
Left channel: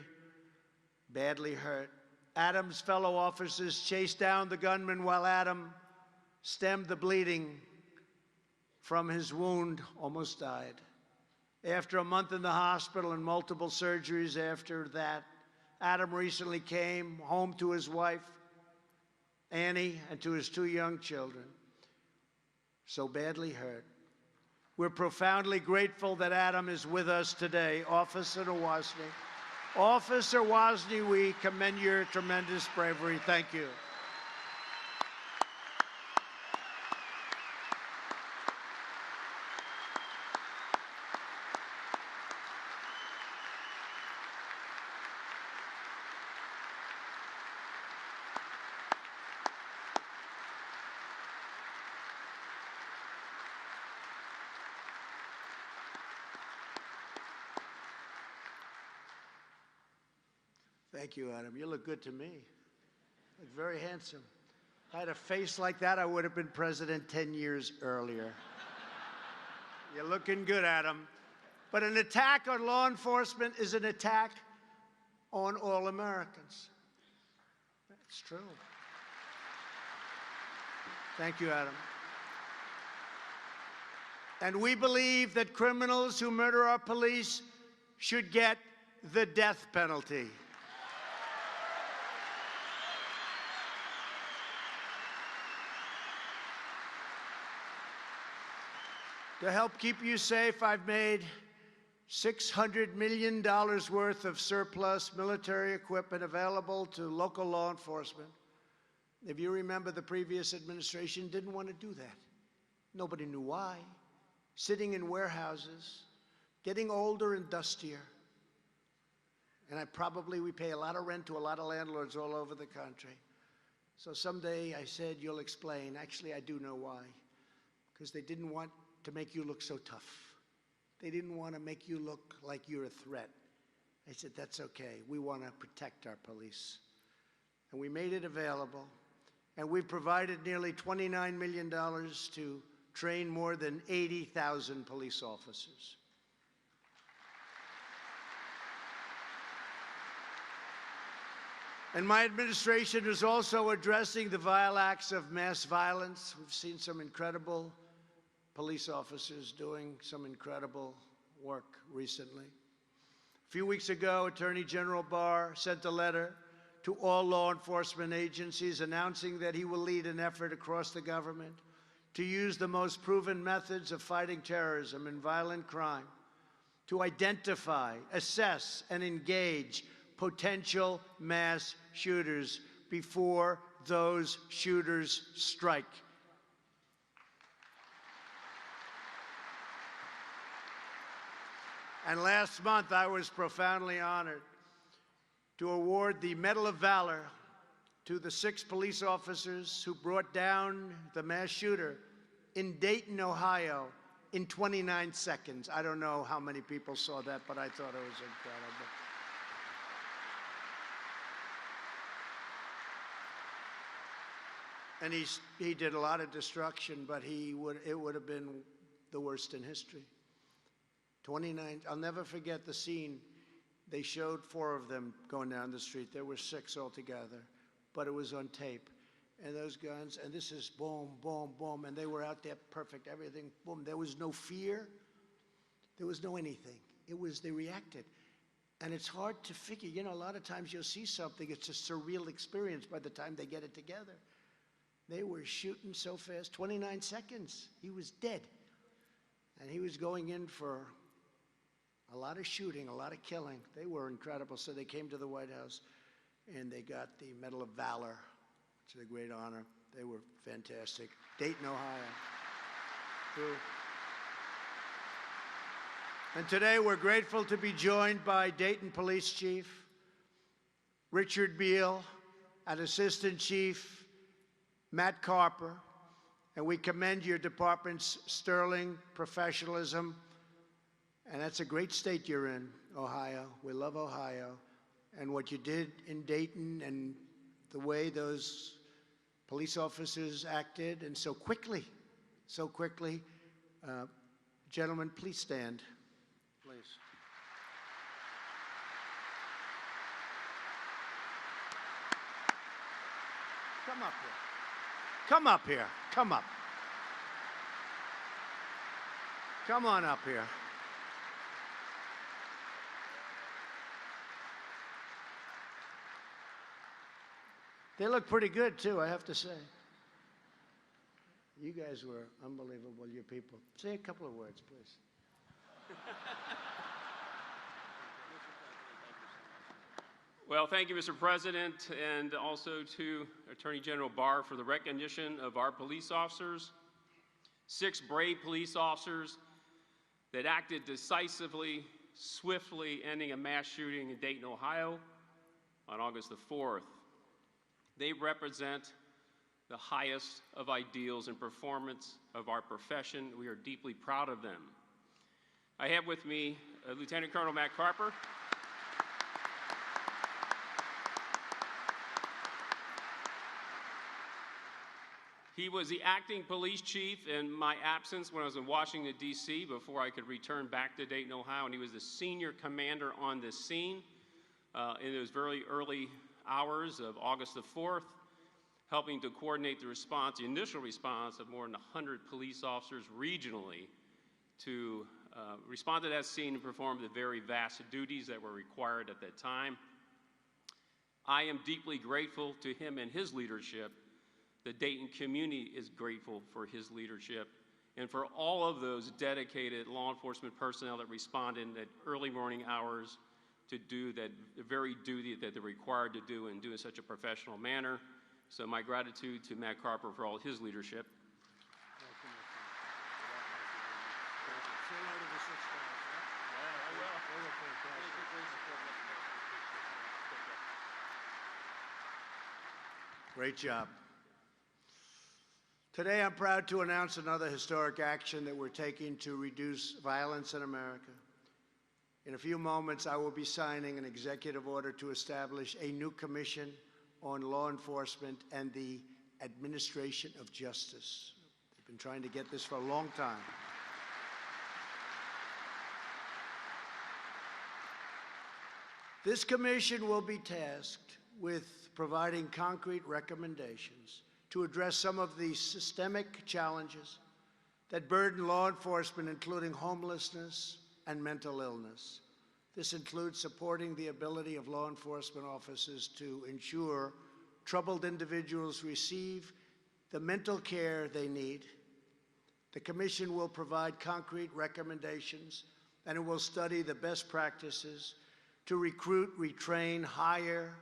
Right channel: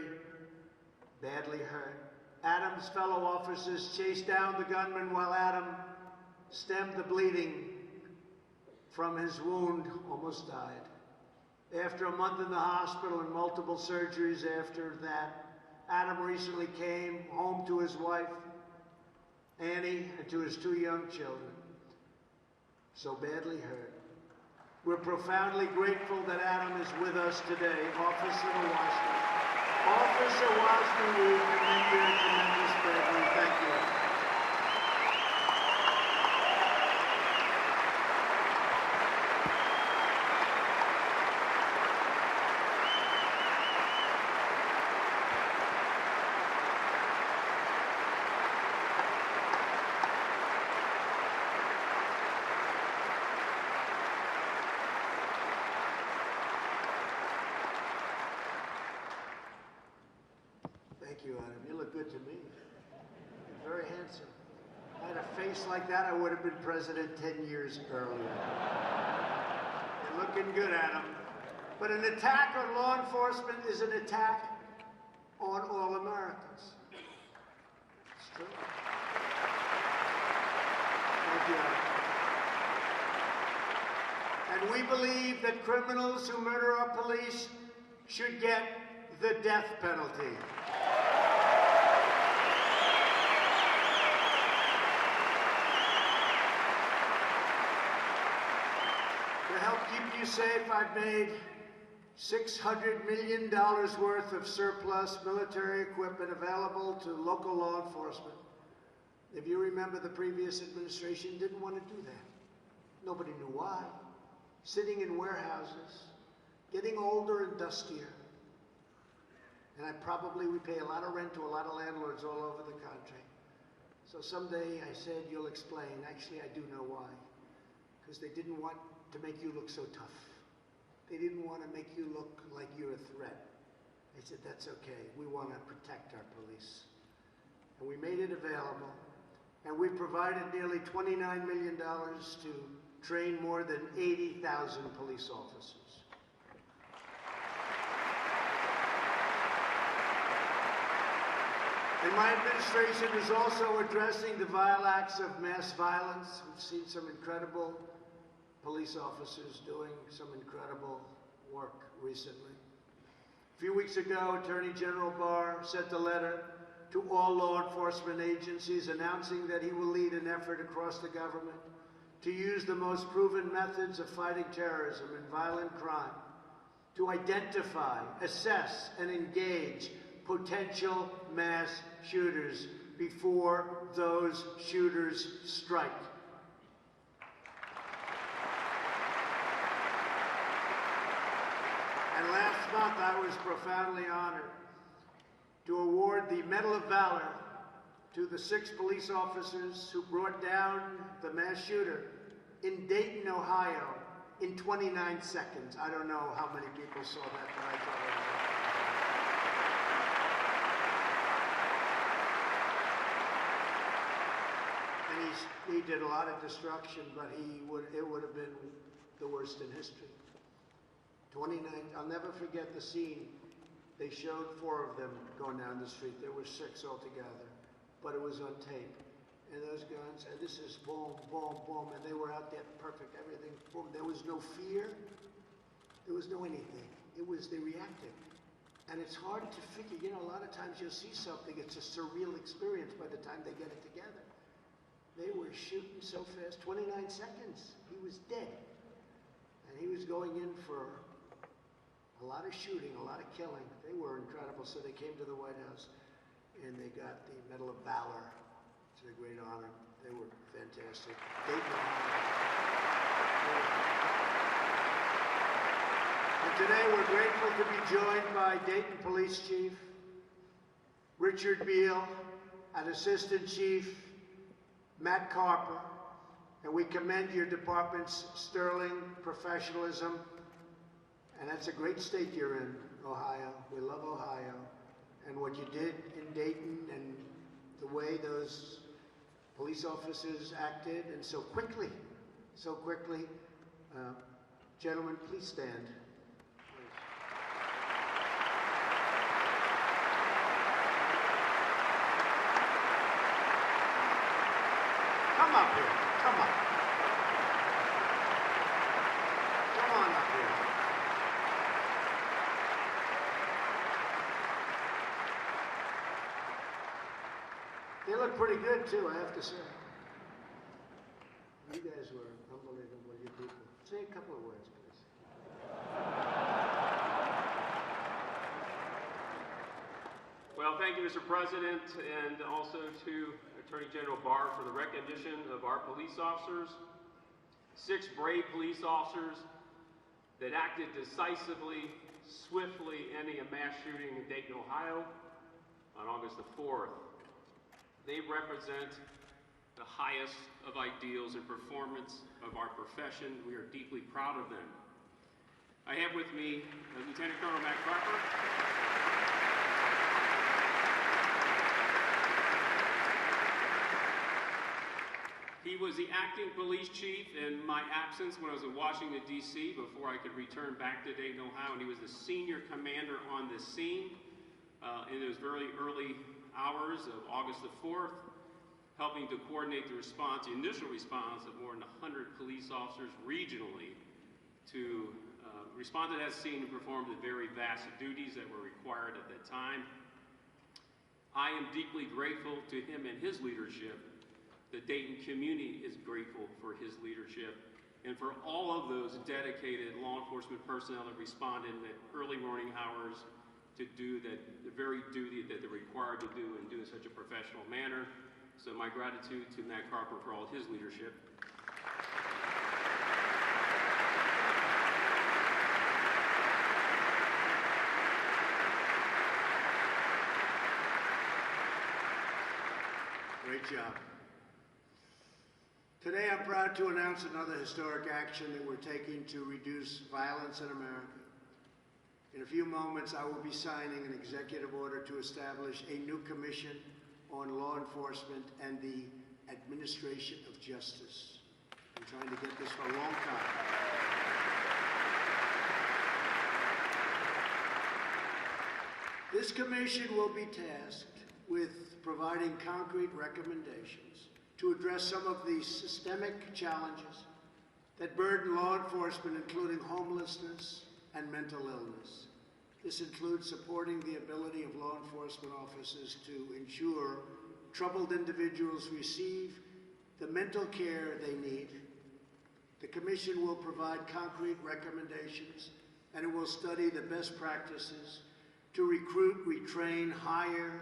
badly hurt. Adam's fellow officers chased down the gunman while Adam stemmed the bleeding from his wound, almost died. After a month in the hospital and multiple surgeries after that, Adam recently came home to his wife, Annie, and to his 2 young children, so badly hurt. We're profoundly grateful that Adam is with us today. Officer Wozni. Officer Wozni, we commend your tremendous bravery. Thank you. Thank you, Adam. You look good to me. Very handsome. I had a face like that, I would have been president 10 years earlier. You're looking good, Adam. But an attack on law enforcement is an attack on all Americans. It's true. Thank you, Adam. And we believe that criminals who murder our police should get the death penalty. To help keep you safe, I've made $600 million worth of surplus military equipment available to local law enforcement. If you remember, the previous administration didn't want to do that. Nobody knew why. Sitting in warehouses, getting older and dustier. And we pay a lot of rent to a lot of landlords all over the country. So someday I said, you'll explain. Actually, I do know why. Because they didn't want to make you look so tough. They didn't want to make you look like you're a threat. I said, that's okay. We want to protect our police. And we made it available. And we provided nearly $29 million to train more than 80,000 police officers. And my administration is also addressing the vile acts of mass violence. We've seen some incredible police officers doing some incredible work recently. A few weeks ago, Attorney General Barr sent a letter to all law enforcement agencies announcing that he will lead an effort across the government to use the most proven methods of fighting terrorism and violent crime to identify, assess, and engage potential mass shooters before those shooters strike. And last month, I was profoundly honored to award the Medal of Valor to the 6 police officers who brought down the mass shooter in Dayton, Ohio, in 29 seconds. I don't know how many people saw that, but I thought it was and he did a lot of destruction, but it would have been the worst in history. 29, I'll never forget the scene. They showed 4 of them going down the street. There were 6 altogether, but it was on tape. And those guns, and this is boom, boom, boom, and they were out there perfect, everything, boom. There was no fear. There was no anything. It was, they reacted. And it's hard to figure, you know, a lot of times you'll see something, it's a surreal experience by the time they get it together. They were shooting so fast, 29 seconds, he was dead. And he was going in for a lot of shooting, a lot of killing. They were incredible. So they came to the White House and they got the Medal of Valor. It's a great honor. They were fantastic. Dayton, Ohio. And today we're grateful to be joined by Dayton Police Chief Richard Beal and Assistant Chief Matt Carper. And we commend your department's sterling professionalism. And that's a great state you're in, Ohio. We love Ohio. And what you did in Dayton and the way those police officers acted, and so quickly. Gentlemen, please stand. Please. Come up here. Come up. Come on up here. They look pretty good, too, I have to say. You guys were unbelievable, you people. Say a couple of words, please. Well, thank you, Mr. President, and also to Attorney General Barr for the recognition of our police officers. 6 brave police officers that acted decisively, swiftly ending a mass shooting in Dayton, Ohio on August the 4th. They represent the highest of ideals and performance of our profession. We are deeply proud of them. I have with me Lieutenant Colonel Matt Carper. He was the acting police chief in my absence when I was in Washington, D.C. before I could return back to Dayton, Ohio. And he was the senior commander on the scene in those very early hours of August the 4th, helping to coordinate the response, the initial response of more than 100 police officers regionally to respond to that scene and perform the very vast duties that were required at that time. I am deeply grateful to him and his leadership. The Dayton community is grateful for his leadership and for all of those dedicated law enforcement personnel that responded in the early morning hours to do the very duty that they're required to do and do in such a professional manner. So my gratitude to Matt Carper for all his leadership. Great job. Today, I'm proud to announce another historic action that we're taking to reduce violence in America. In a few moments, I will be signing an executive order to establish a new commission on law enforcement and the administration of justice. I've been trying to get this for a long time. This commission will be tasked with providing concrete recommendations to address some of the systemic challenges that burden law enforcement, including homelessness and mental illness. This includes supporting the ability of law enforcement officers to ensure troubled individuals receive the mental care they need. The Commission will provide concrete recommendations, and it will study the best practices to recruit, retrain, hire,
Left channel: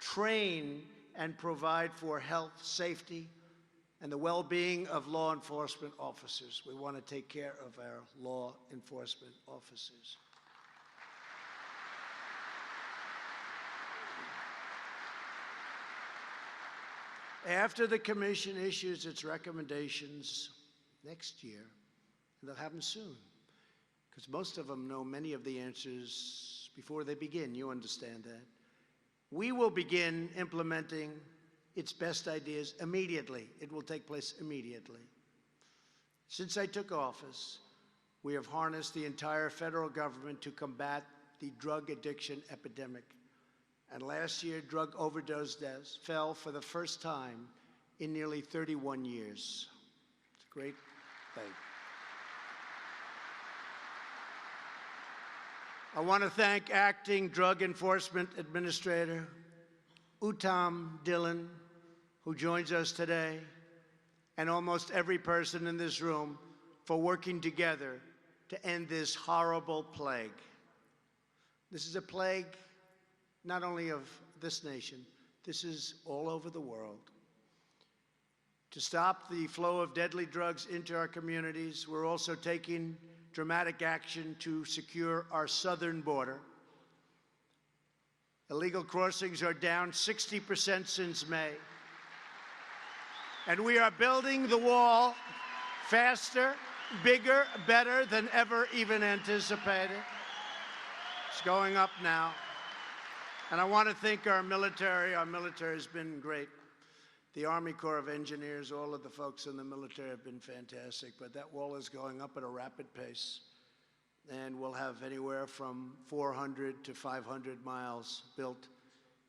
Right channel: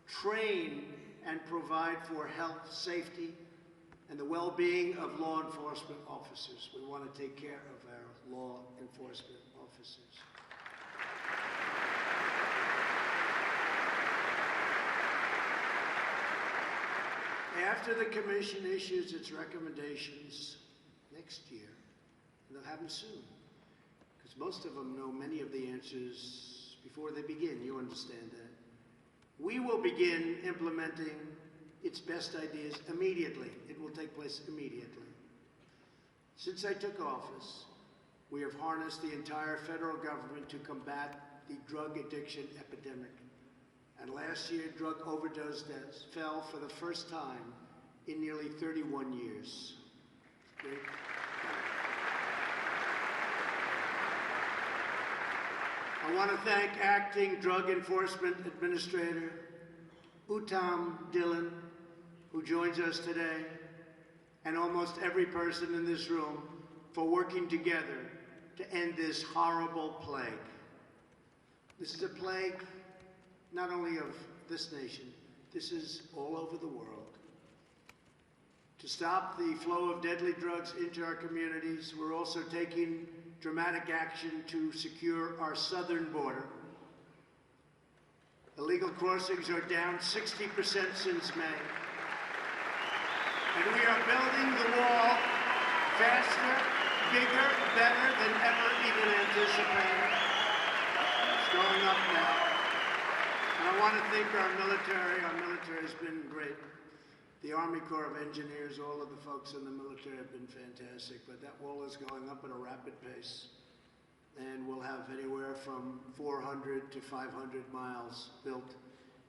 train, and provide for health, safety, and the well-being of law enforcement officers. We want to take care of our law enforcement officers. After the Commission issues its recommendations next year, and they'll have them soon, because most of them know many of the answers before they begin. You understand that. We will begin implementing its best ideas immediately. It will take place immediately. Since I took office, we have harnessed the entire federal government to combat the drug addiction epidemic. And last year, drug overdose deaths fell for the first time in nearly 31 years. It's great. I want to thank Acting Drug Enforcement Administrator Uttam Dillon, who joins us today, and almost every person in this room for working together to end this horrible plague. This is a plague not only of this nation, this is all over the world. To stop the flow of deadly drugs into our communities, we're also taking dramatic action to secure our southern border. Illegal crossings are down 60% since May. And we are building the wall faster, bigger, better than ever even anticipated. It's going up now. And I want to thank our military. Our military's been great. The Army Corps of Engineers, all of the folks in the military have been fantastic, but that wall is going up at a rapid pace. And we'll have anywhere from 400 to 500 miles built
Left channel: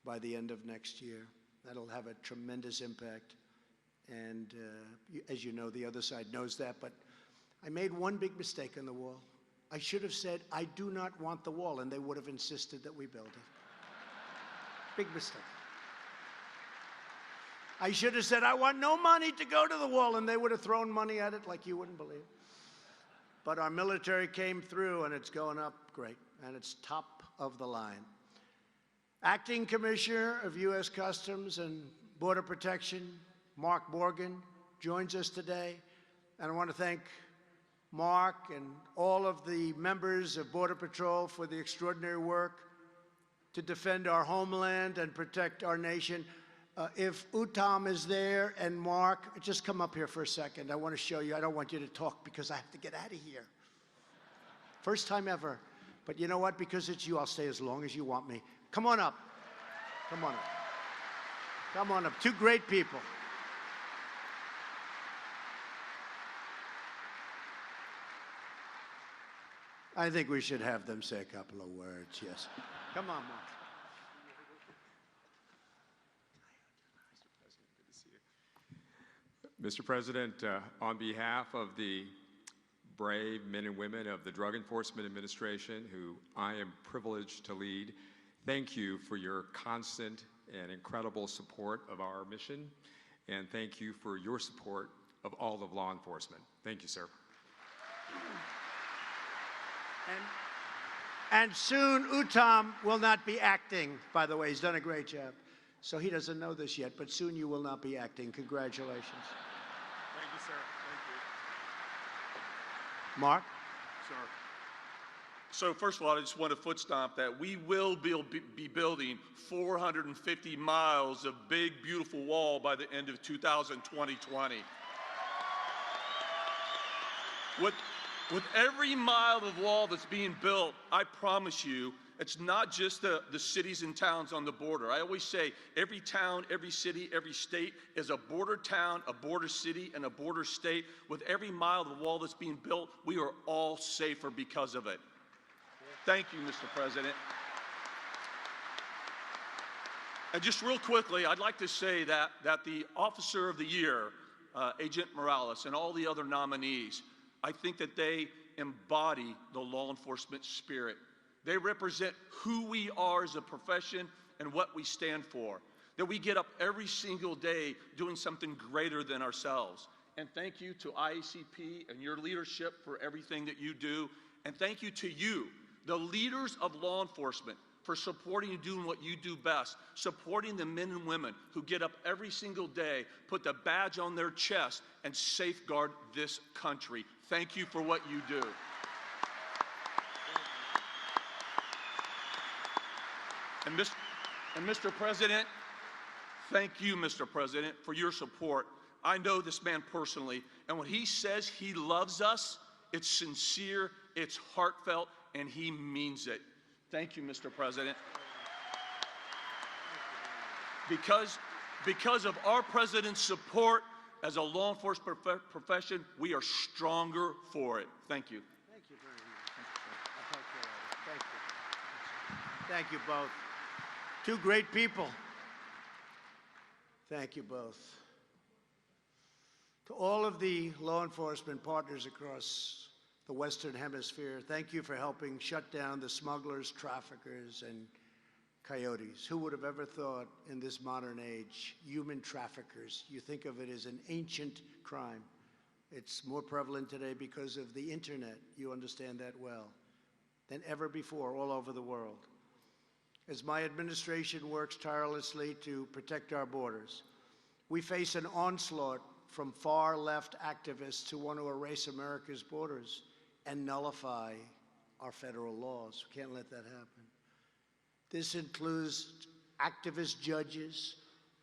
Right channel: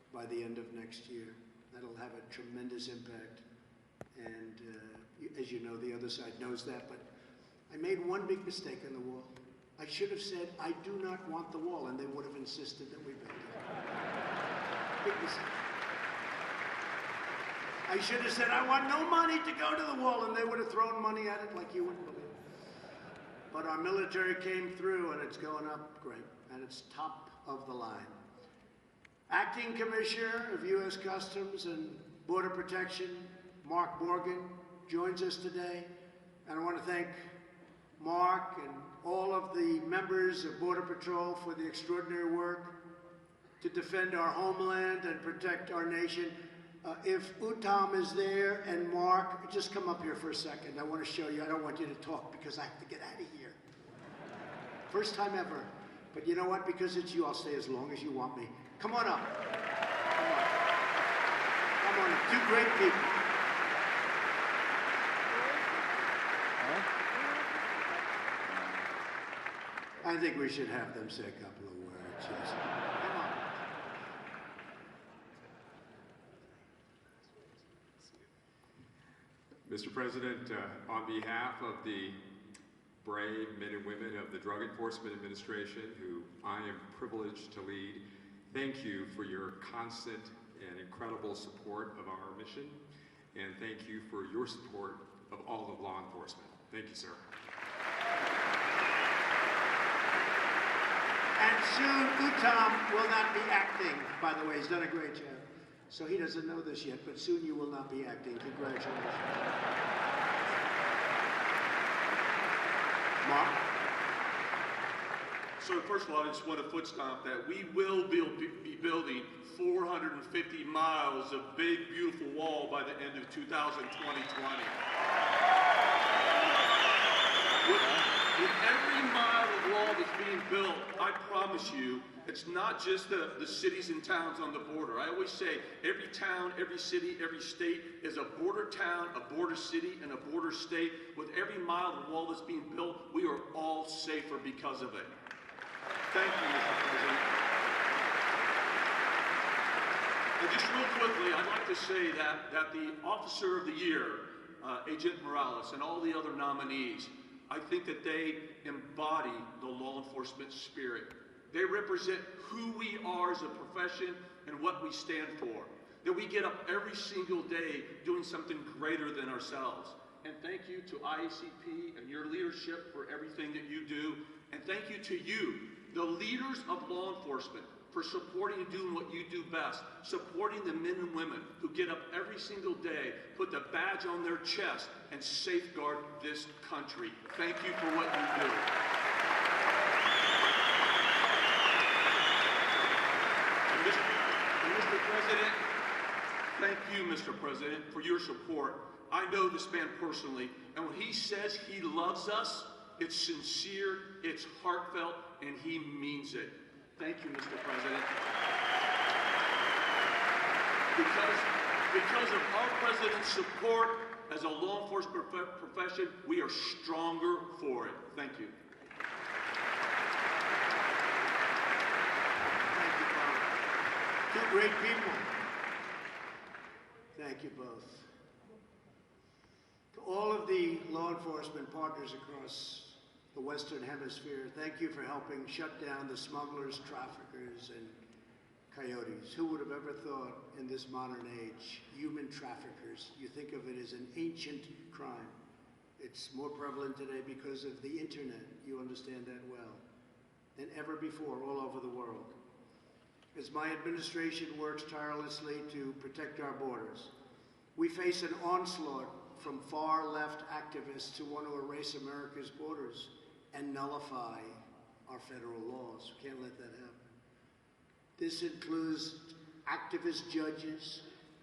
by the end of next year. That'll have a tremendous impact. And as you know, the other side knows that, but I made one big mistake in the wall. I should have said, I do not want the wall, and they would have insisted that we build it. Big mistake. I should have said, I want no money to go to the wall, and they would have thrown money at it like you wouldn't believe. But our military came through, and it's going up great, and it's top of the line. Acting Commissioner of U.S. Customs and Border Protection, Mark Morgan, joins us today, and I want to thank Mark and all of the members of Border Patrol for the extraordinary work to defend our homeland and protect our nation. If Uttam is there and Mark, just come up here for a second. I want to show you. I don't want you to talk because I have to get out of here. First time ever. But you know what? Because it's you, I'll stay as long as you want me. Come on up. Come on. Come on up. Two great people. I think we should have them say a couple of words. Yes. Come on. Mr. President, on behalf of the brave men and women of the Drug Enforcement Administration, who I am privileged to lead, thank you for your constant and incredible support of our mission, and thank you for your support of all of law enforcement. Thank you, sir. And soon, Uttam will not be acting. By the way, he's done a great job. So he doesn't know this yet, but soon you will not be acting. Congratulations. Mark? So first of all, I just want to foot stomp that we will be building 450 miles of big, beautiful wall by the end of 2020. With every mile of wall that's being built, I promise you, it's not just the cities and towns on the border. I always say every town, every city, every state is a border town, a border city, and a border state. With every mile of wall that's being built, we are all safer because of it. Thank you, Mr. President. And just real quickly, I'd like to say that the Officer of the Year, Agent Morales, and all the other nominees, I think that they embody the law enforcement spirit. They represent who we are as a profession and what we stand for. That we get up every single day doing something greater than ourselves. And thank you to IACP and your leadership for everything that you do. And thank you to you, the leaders of law enforcement, for supporting and doing what you do best, supporting the men and women who get up every single day, put the badge on their chest, and safeguard this country. Thank you for what you do. And Mr. President, thank you, Mr. President, for your support. I know this man personally, and when he says he loves us, it's sincere, it's heartfelt, and he means it. Thank you, Mr. President. Because of our president's support as a law enforcement profession, we are stronger for it. Thank you. Thank you both. Two great people. Thank you both. To all of the law enforcement partners across the Western Hemisphere, thank you for helping shut down the smugglers, traffickers, and coyotes. Who would have ever thought in this modern age, human traffickers, you think of it as an ancient crime. It's more prevalent today because of the internet, you understand that well, than ever before all over the world. As my administration works tirelessly to protect our borders, we face an onslaught from far-left activists who want to erase America's borders and nullify our federal laws. We can't let that happen. This includes activist judges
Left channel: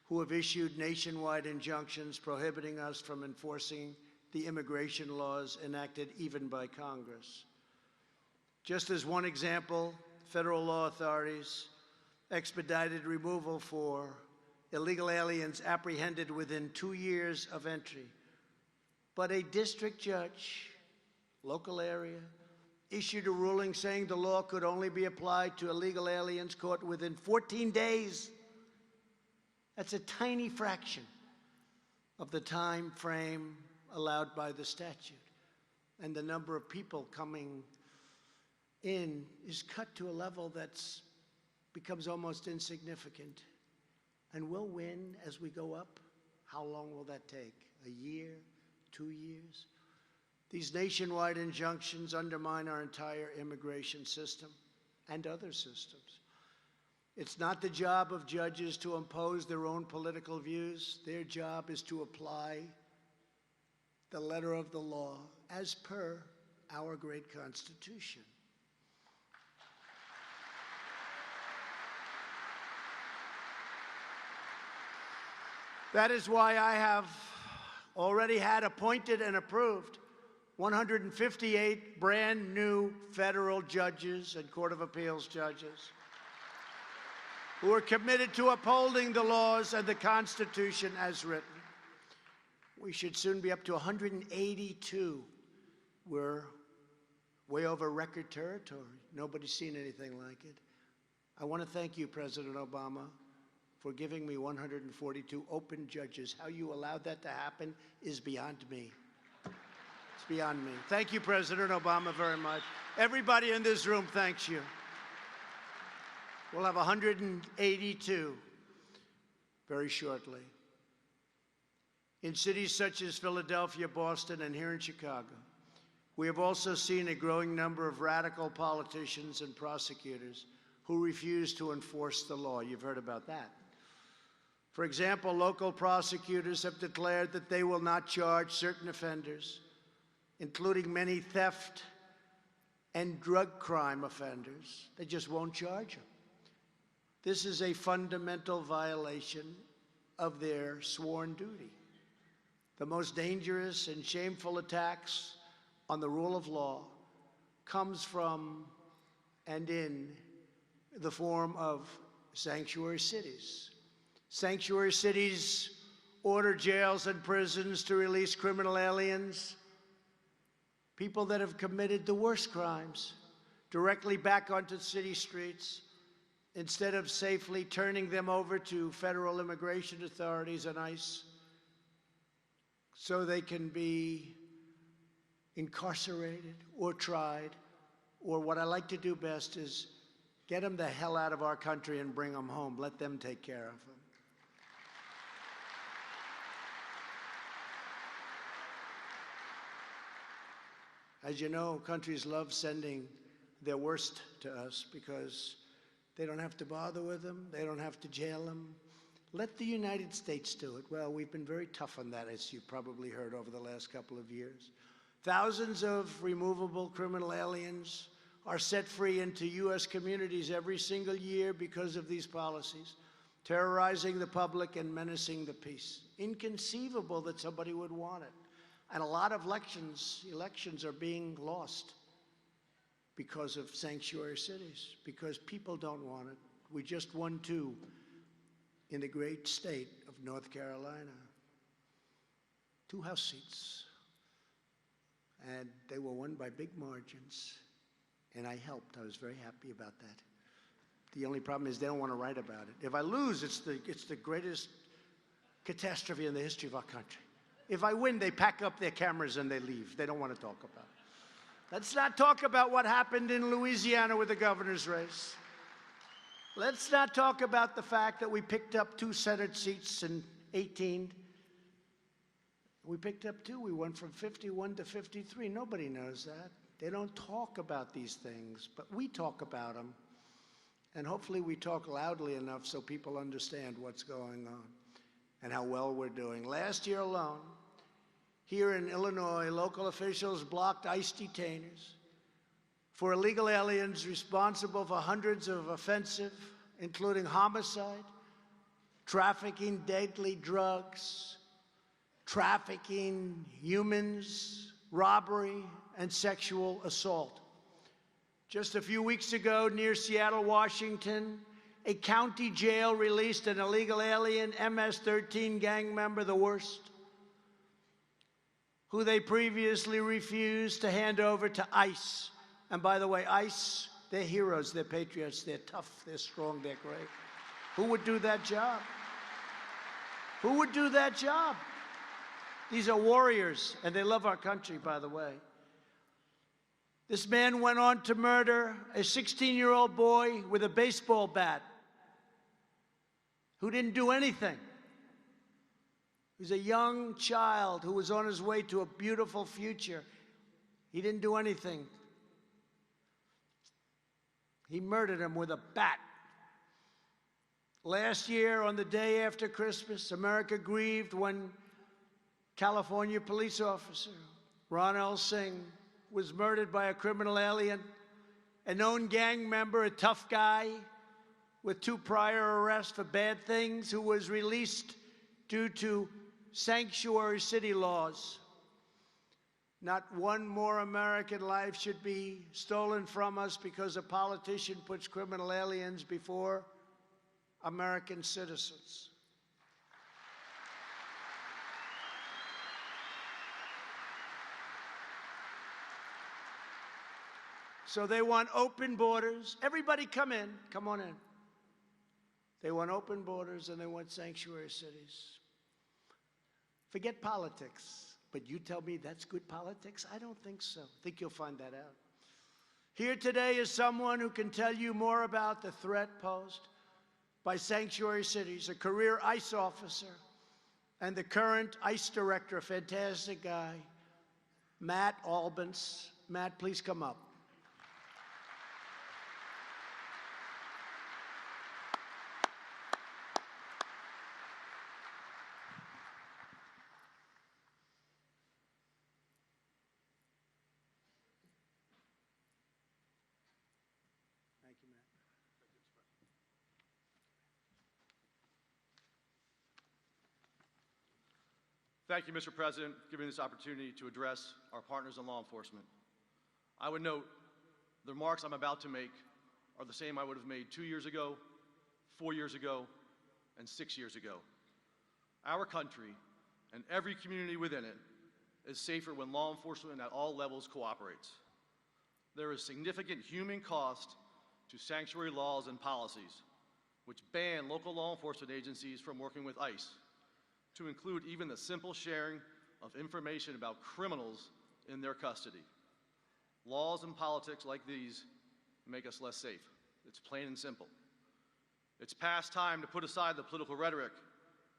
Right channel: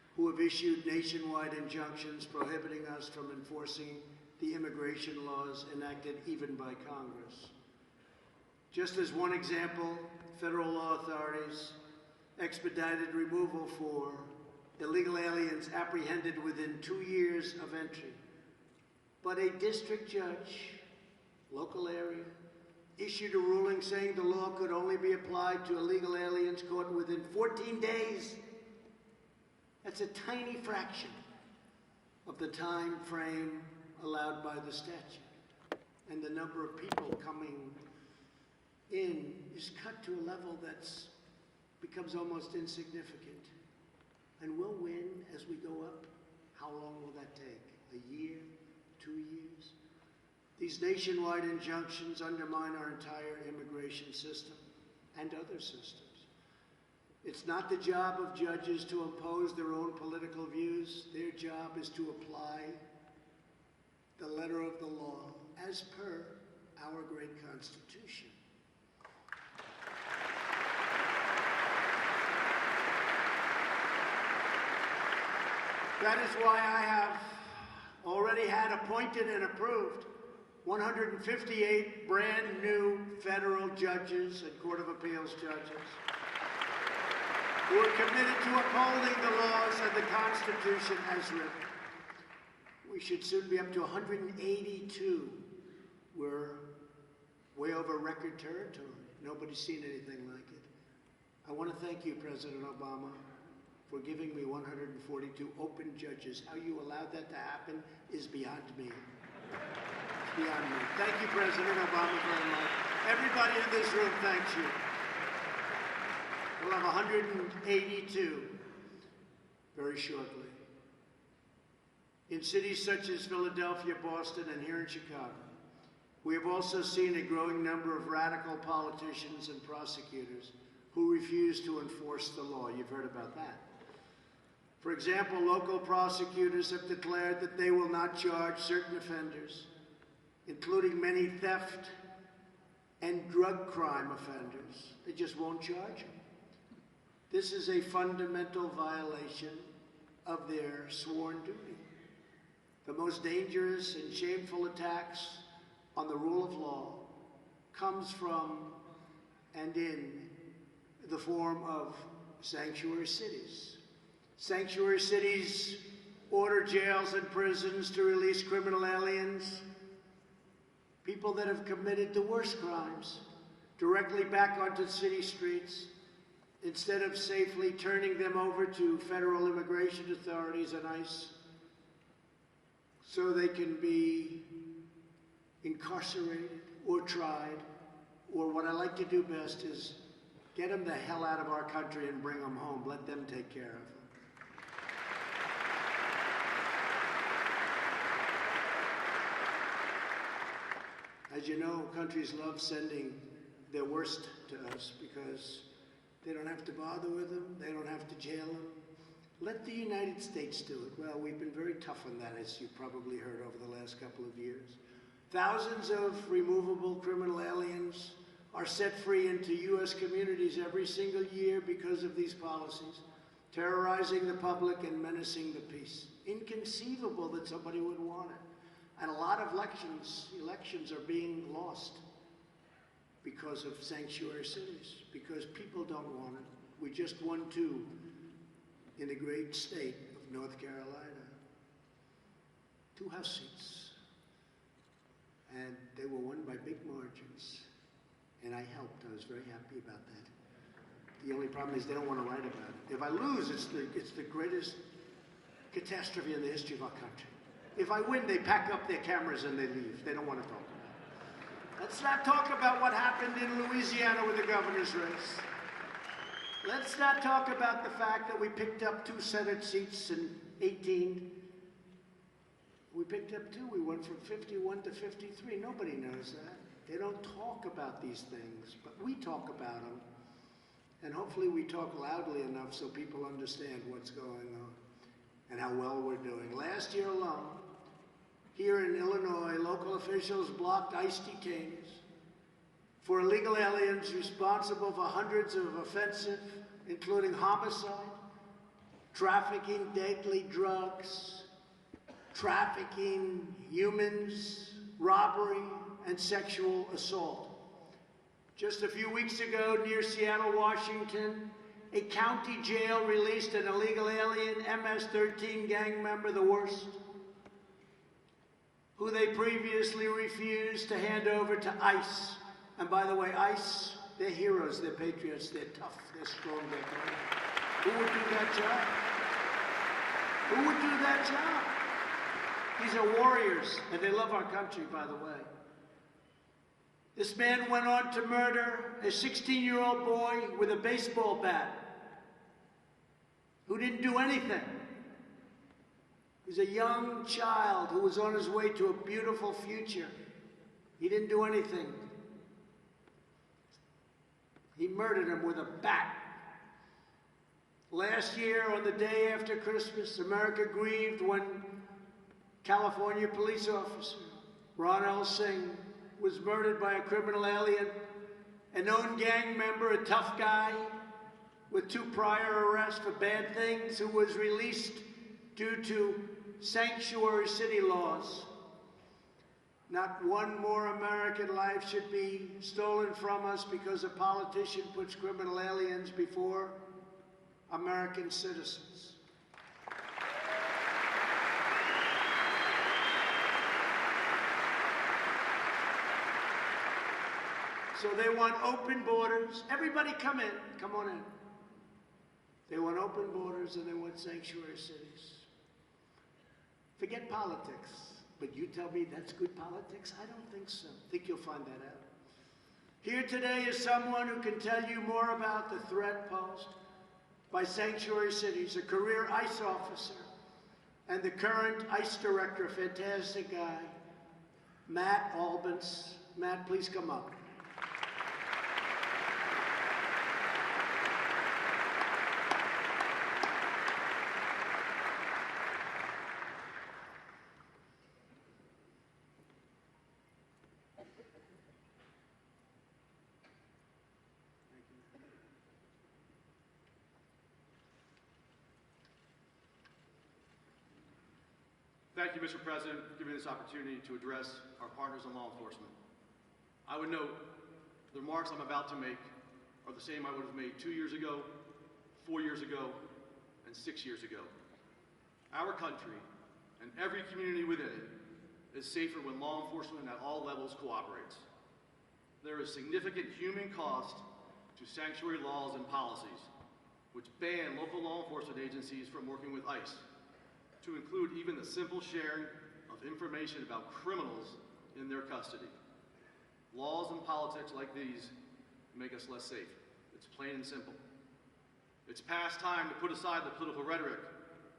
who have issued nationwide injunctions prohibiting us from enforcing the immigration laws enacted even by Congress. Just as one example, federal law authorities expedited removal for illegal aliens apprehended within 2 years of entry. But a district judge, local area, issued a ruling saying the law could only be applied to illegal aliens caught within 14 days. That's a tiny fraction of the time frame allowed by the statute. And the number of people coming in is cut to a level that becomes almost insignificant. And we'll win as we go up. How long will that take? A year? 2 years? These nationwide injunctions undermine our entire immigration system and other systems. It's not the job of judges to impose their own political views. Their job is to apply the letter of the law as per our great Constitution. That is why I have already had appointed and approved 158 brand new federal judges and Court of Appeals judges who are committed to upholding the laws and the Constitution as written. We should soon be up to 182. We're way over record territory. Nobody's seen anything like it. I want to thank you, President Obama, for giving me 142 open judges. How you allowed that to happen is beyond me. It's beyond me. Thank you, President Obama, very much. Everybody in this room thanks you. We'll have 182 very shortly. In cities such as Philadelphia, Boston, and here in Chicago, we have also seen a growing number of radical politicians and prosecutors who refuse to enforce the law. You've heard about that. For example, local prosecutors have declared that they will not charge certain offenders, including many theft and drug crime offenders. They just won't charge them. This is a fundamental violation of their sworn duty. The most dangerous and shameful attacks on the rule of law comes from and in the form of sanctuary cities. Sanctuary cities order jails and prisons to release criminal aliens, people that have committed the worst crimes, directly back onto city streets, instead of safely turning them over to federal immigration authorities and ICE so they can be incarcerated or tried, or what I like to do best is get them the hell out of our country and bring them home. Let them take care of them. As you know, countries love sending their worst to us because they don't have to bother with them, they don't have to jail them. Let the United States do it. Well, we've been very tough on that, as you probably heard over the last couple of years. Thousands of removable criminal aliens are set free into U.S. communities every single year because of these policies, terrorizing the public and menacing the peace. Inconceivable that somebody would want it. And a lot of elections are being lost because of sanctuary cities, because people don't want it. We just won 2 in the great state of North Carolina. 2 House seats. And they were won by big margins. And I helped. I was very happy about that. The only problem is they don't want to write about it. If I lose, it's the greatest catastrophe in the history of our country. If I win, they pack up their cameras and they leave. They don't want to talk about it. Let's not talk about what happened in Louisiana with the governor's race. Let's not talk about the fact that we picked up 2 Senate seats in 18. We picked up 2. We went from 51 to 53. Nobody knows that. They don't talk about these things, but we talk about them. And hopefully we talk loudly enough so people understand what's going on and how well we're doing. Last year alone, here in Illinois, local officials blocked ICE detainees for illegal aliens responsible for hundreds of offensive, including homicide, trafficking deadly drugs, trafficking humans, robbery, and sexual assault. Just a few weeks ago, near Seattle, Washington, a county jail released an illegal alien MS-13 gang member, the worst, who they previously refused to hand over to ICE. And by the way, ICE, they're heroes, they're patriots, they're tough, they're strong, they're brave. Who would do that job? Who would do that job? These are warriors, and they love our country, by the way. This man went on to murder a 16-year-old boy with a baseball bat who didn't do anything. He's a young child who was on his way to a beautiful future. He didn't do anything. He murdered him with a bat. Last year, on the day after Christmas, America grieved when California police officer Ronald Singh was murdered by a criminal alien, a known gang member, a tough guy with 2 prior arrests for bad things, who was released due to sanctuary city laws. Not one more American life should be stolen from us because a politician puts criminal aliens before American citizens. So they want open borders. Everybody come in. Come on in. They want open borders and they want sanctuary cities. Forget politics. But you tell me that's good politics? I don't think so. I think you'll find that out. Here today is someone who can tell you more about the threat posed by sanctuary cities, a career ICE officer and the current ICE director, fantastic guy, Matt Albans. Matt, please come up. Thank you, Mr. President, for giving me this opportunity to address our partners in law enforcement. I would note the remarks I'm about to make are the same I would have made 2 years ago, 4 years ago, and 6 years ago. Our country and every community within it is safer when law enforcement at all levels cooperates. There is significant human cost to sanctuary laws and policies, which ban local law enforcement agencies from working with ICE, to include even the simple sharing of information about criminals in their custody. Laws and politics like these make us less safe. It's plain and simple. It's past time to put aside the political rhetoric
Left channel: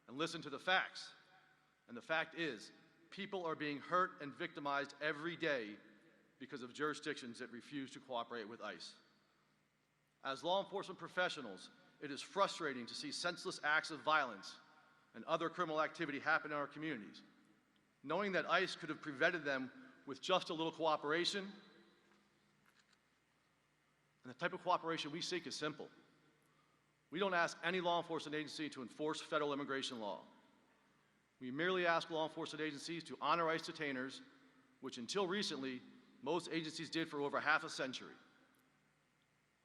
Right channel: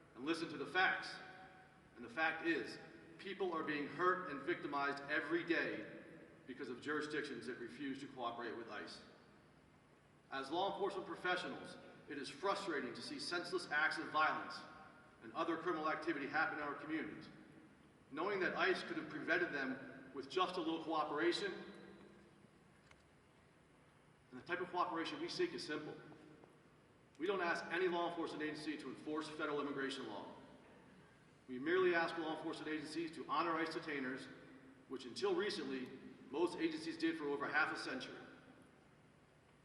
and listen to the facts. And the fact is, people are being hurt and victimized every day because of jurisdictions that refuse to cooperate with ICE. As law enforcement professionals, it is frustrating to see senseless acts of violence and other criminal activity happen in our communities. Knowing that ICE could have prevented them with just a little cooperation, and the type of cooperation we seek is simple. We don't ask any law enforcement agency to enforce federal immigration law. We merely ask law enforcement agencies to honor ICE detainers, which until recently, most agencies did for over half a century.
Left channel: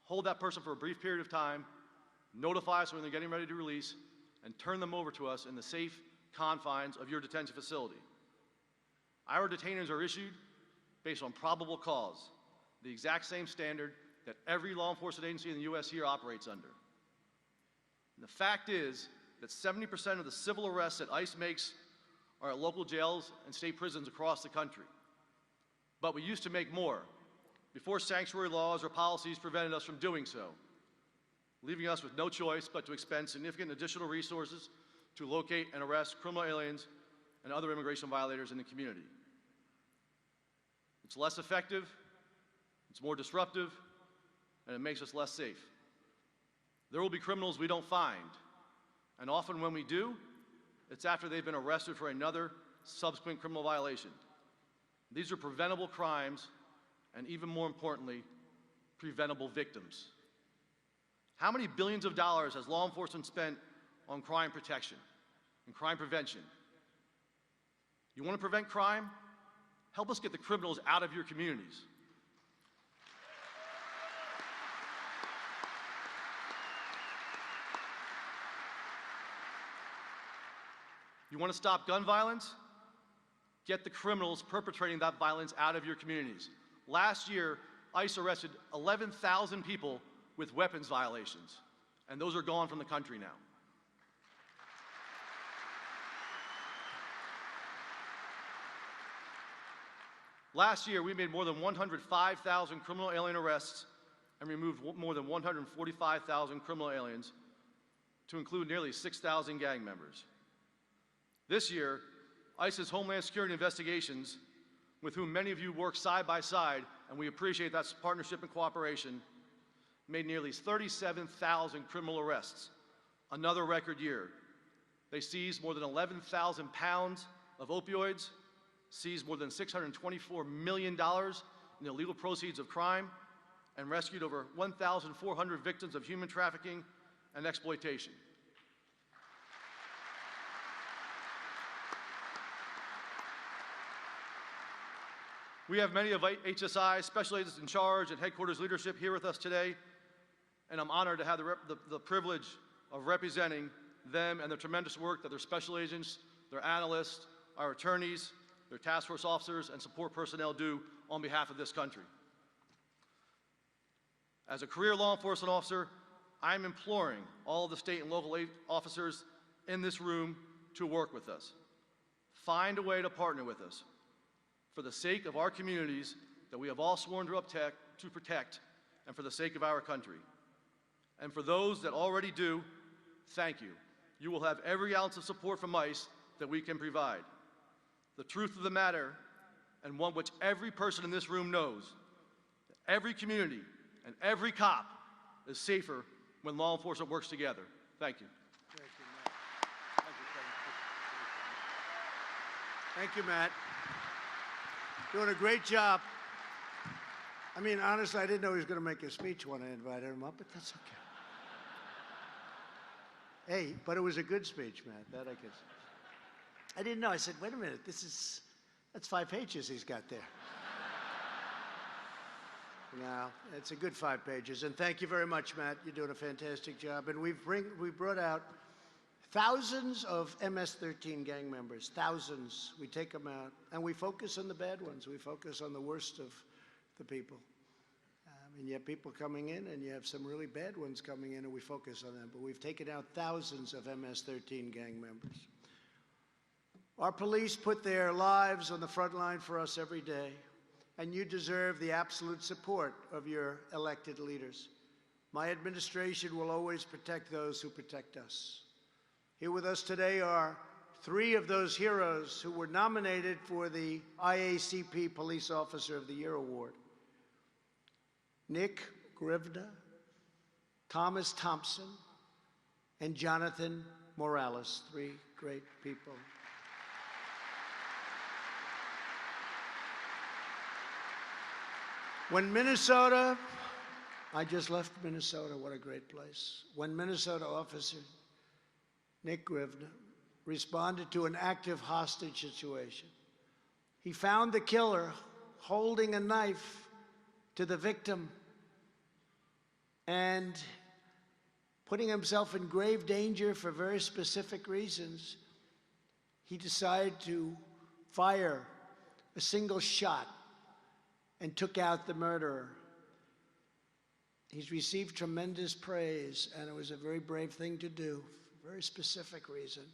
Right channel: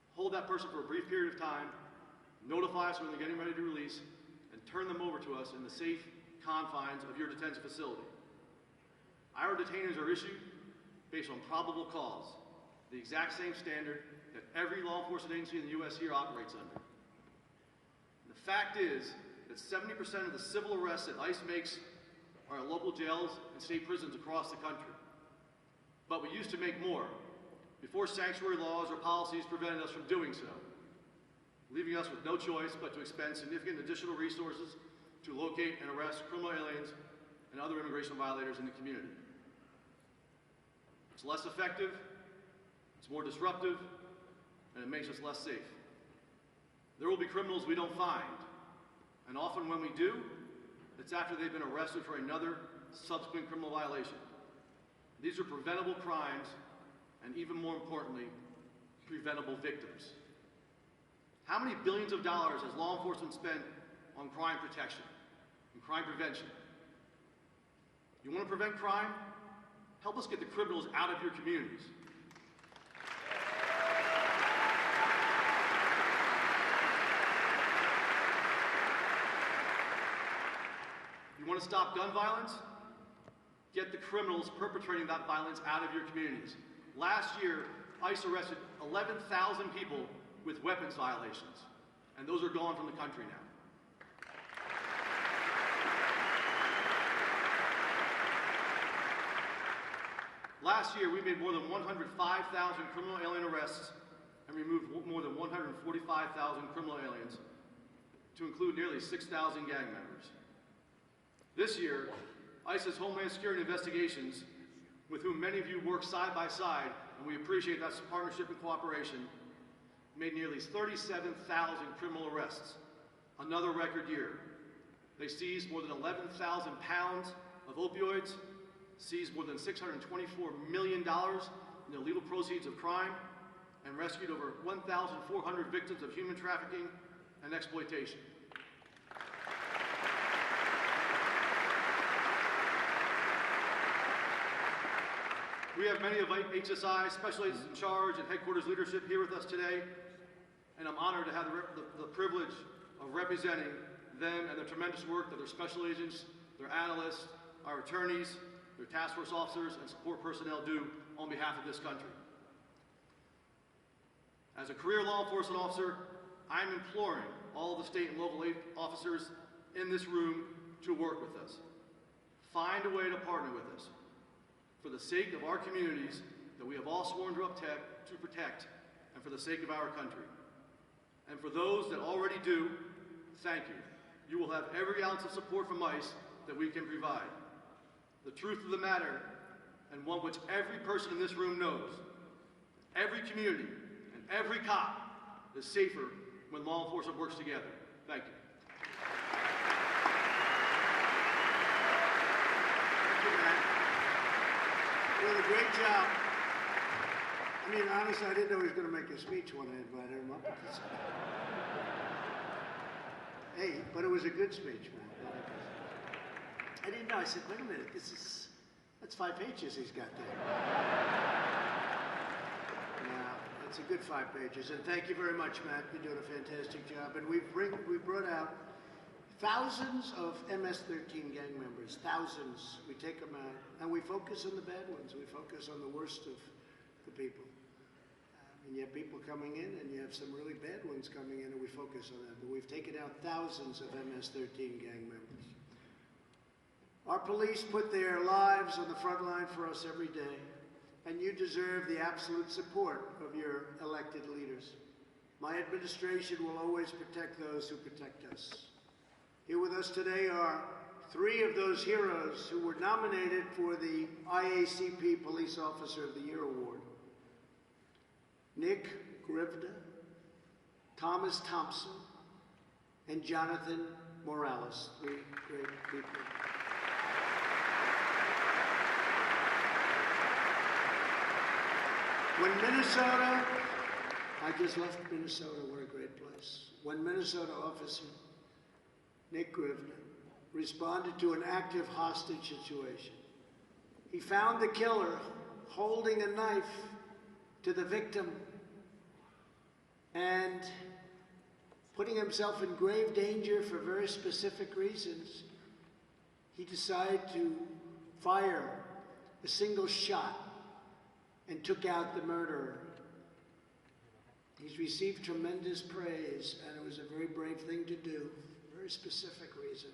Hold that person for a brief period of time, notify us when they're getting ready to release, and turn them over to us in the safe confines of your detention facility. Our detainers are issued based on probable cause, the exact same standard that every law enforcement agency in the U.S. here operates under. And the fact is that 70% of the civil arrests that ICE makes are at local jails and state prisons across the country. But we used to make more before sanctuary laws or policies prevented us from doing so, leaving us with no choice but to expend significant additional resources to locate and arrest criminal aliens and other immigration violators in the community. It's less effective, it's more disruptive, and it makes us less safe. There will be criminals we don't find, and often when we do, it's after they've been arrested for another subsequent criminal violation. These are preventable crimes, and even more importantly, preventable victims. How many billions of dollars has law enforcement spent on crime protection and crime prevention? You want to prevent crime? Help us get the criminals out of your communities. You want to stop gun violence? Get the criminals perpetrating that violence out of your communities. Last year, ICE arrested 11,000 people with weapons violations, and those are gone from the country now. Last year, we made more than 105,000 criminal alien arrests and removed more than 145,000 criminal aliens, to include nearly 6,000 gang members. This year, ICE's Homeland Security Investigations, with whom many of you work side by side, and we appreciate that partnership and cooperation, made nearly 37,000 criminal arrests, another record year. They seized more than 11,000 pounds of opioids, seized more than $624 million in illegal proceeds of crime, and rescued over 1,400 victims of human trafficking and exploitation. We have many of HSI's special agents in charge and headquarters leadership here with us today, and I'm honored to have the privilege of representing them and the tremendous work that their special agents, their analysts, our attorneys, their task force officers, and support personnel do on behalf of this country. As a career law enforcement officer, I'm imploring all of the state and local officers in this room to work with us. Find a way to partner with us for the sake of our communities that we have all sworn to protect and for the sake of our country. And for those that already do, thank you. You will have every ounce of support from ICE that we can provide. The truth of the matter, and one which every person in this room knows, every community and every cop is safer when law enforcement works together. Thank you. Thank you, Matt. Doing a great job. I mean, honestly, I didn't know he was going to make a speech when I invited him up. But that's okay. Hey, but it was a good speech, man. I didn't know. I said, wait a minute, that's 5 pages he's got there. Yeah, it's a good 5 pages. And thank you very much, Matt. You're doing a fantastic job. And we brought out thousands of MS-13 gang members, thousands. We take them out, and we focus on the bad ones. We focus on the worst of the people. And you have people coming in, and you have some really bad ones coming in, and we focus on them. But we've taken out thousands of MS-13 gang members. Our police put their lives on the front line for us every day, and you deserve the absolute support of your elected leaders. My administration will always protect those who protect us. Here with us today are 3 of those heroes who were nominated for the IACP Police Officer of the Year Award. Nick Grivda, Thomas Thompson, and Jonathan Morales. 3 great people. When Minnesota, I just left Minnesota, what a great place. When Minnesota Officer Nick Grivda responded to an active hostage situation, he found the killer holding a knife to the victim and putting himself in grave danger for very specific reasons. He decided to fire a single shot and took out the murderer. He's received tremendous praise, and it was a very brave thing to do, very specific reason.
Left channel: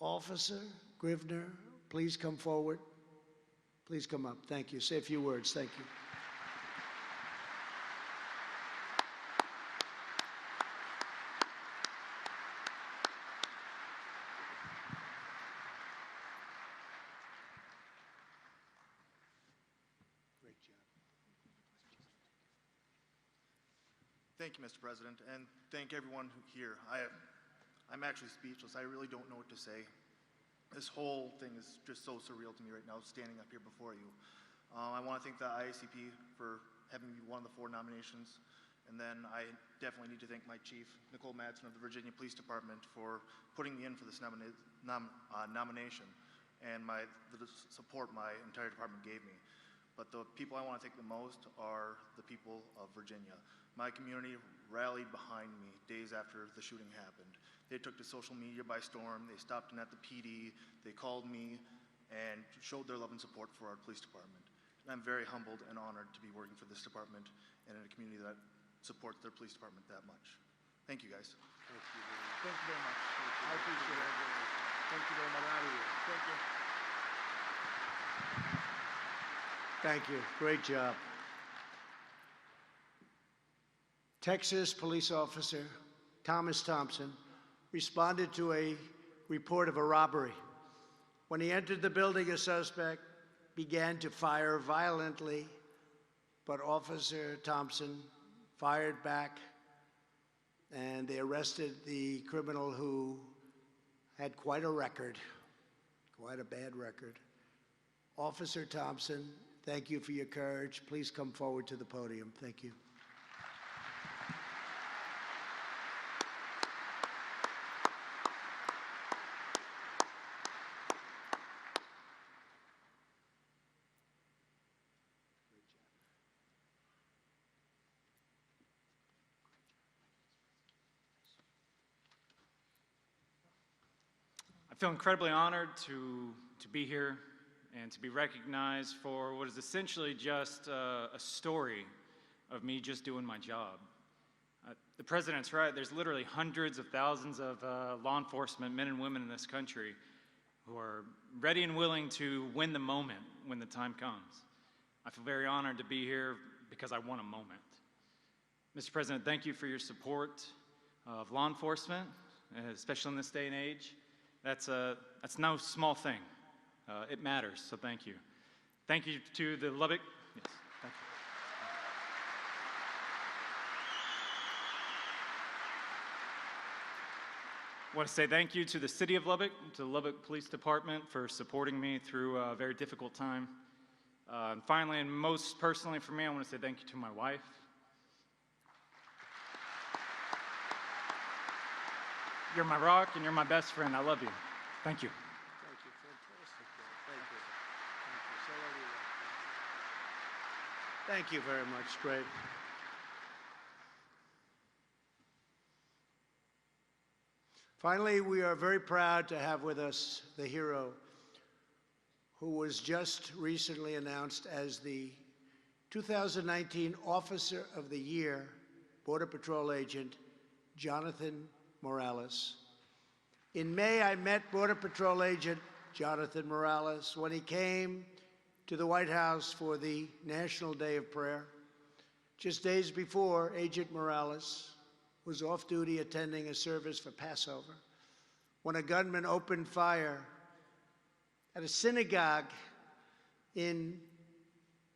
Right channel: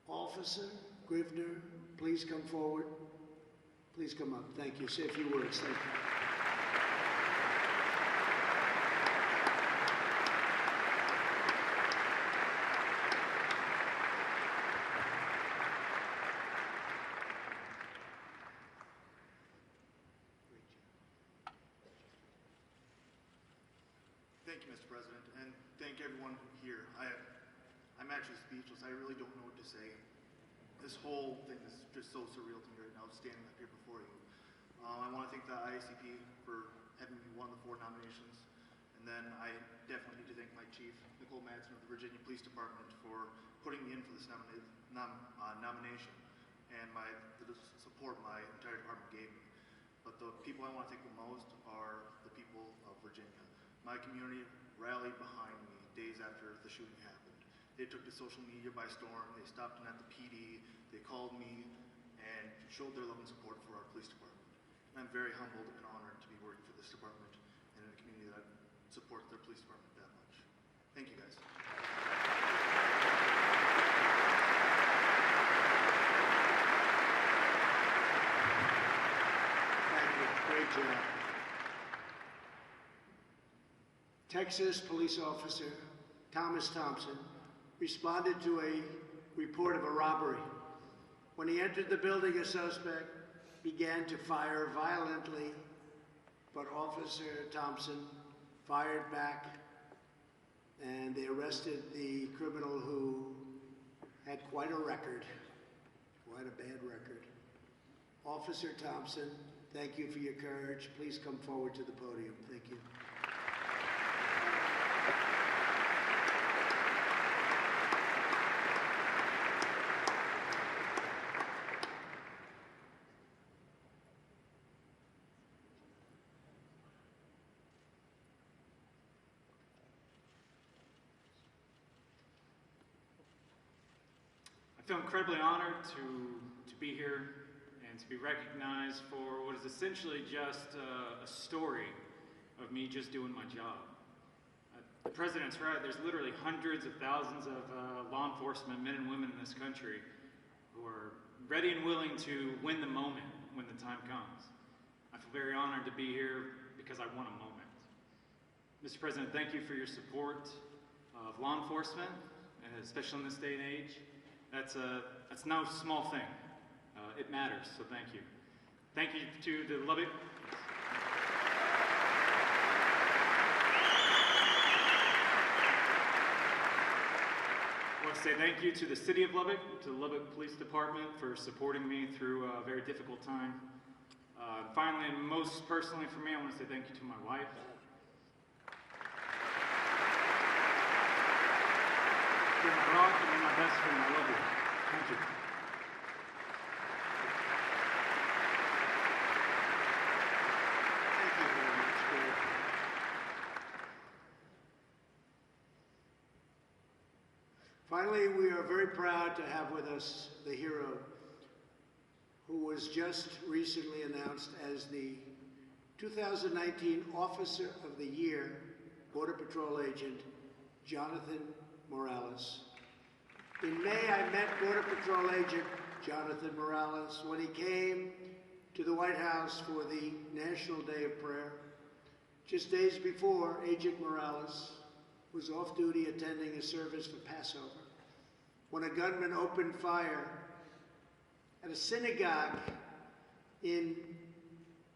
Officer Grivda, please come forward. Please come up. Thank you. Say a few words. Thank you. Thank you, Mr. President, and thank everyone here. I'm actually speechless. I really don't know what to say. This whole thing is just so surreal to me right now, standing up here before you. I want to thank the IACP for having me one of the 4 nominations, and then I definitely need to thank my chief, Nicole Madsen of the Virginia Police Department, for putting me in for this nomination, and for the support my entire department gave me. But the people I want to thank the most are the people of Virginia. My community rallied behind me days after the shooting happened. They took to social media by storm. They stopped in at the PD. They called me and showed their love and support for our police department. And I'm very humbled and honored to be working for this department and in a community that supports their police department that much. Thank you, guys. Thank you. Great job. Texas police officer Thomas Thompson responded to a report of a robbery. When he entered the building, a suspect began to fire violently, but Officer Thompson fired back, and they arrested the criminal who had quite a record, quite a bad record. Officer Thompson, thank you for your courage. Please come forward to the podium. Thank you. I feel incredibly honored to be here and to be recognized for what is essentially just a story of me just doing my job. The President's right. There's literally hundreds of thousands of law enforcement men and women in this country who are ready and willing to win the moment when the time comes. I feel very honored to be here because I want a moment. Mr. President, thank you for your support of law enforcement, especially in this day and age. That's no small thing. It matters, so thank you. Thank you to the Lubbock. I want to say thank you to the City of Lubbock, to the Lubbock Police Department for supporting me through a very difficult time. Finally, and most personally for me, I want to say thank you to my wife. You're my rock and you're my best friend. I love you. Thank you. Thank you very much, Craig. Finally, we are very proud to have with us the hero who was just recently announced as the 2019 Officer of the Year, Border Patrol Agent Jonathan Morales. In May, I met Border Patrol Agent Jonathan Morales when he came to the White House for the National Day of Prayer. Just days before, Agent Morales was off duty attending a service for Passover when a gunman opened fire at a synagogue in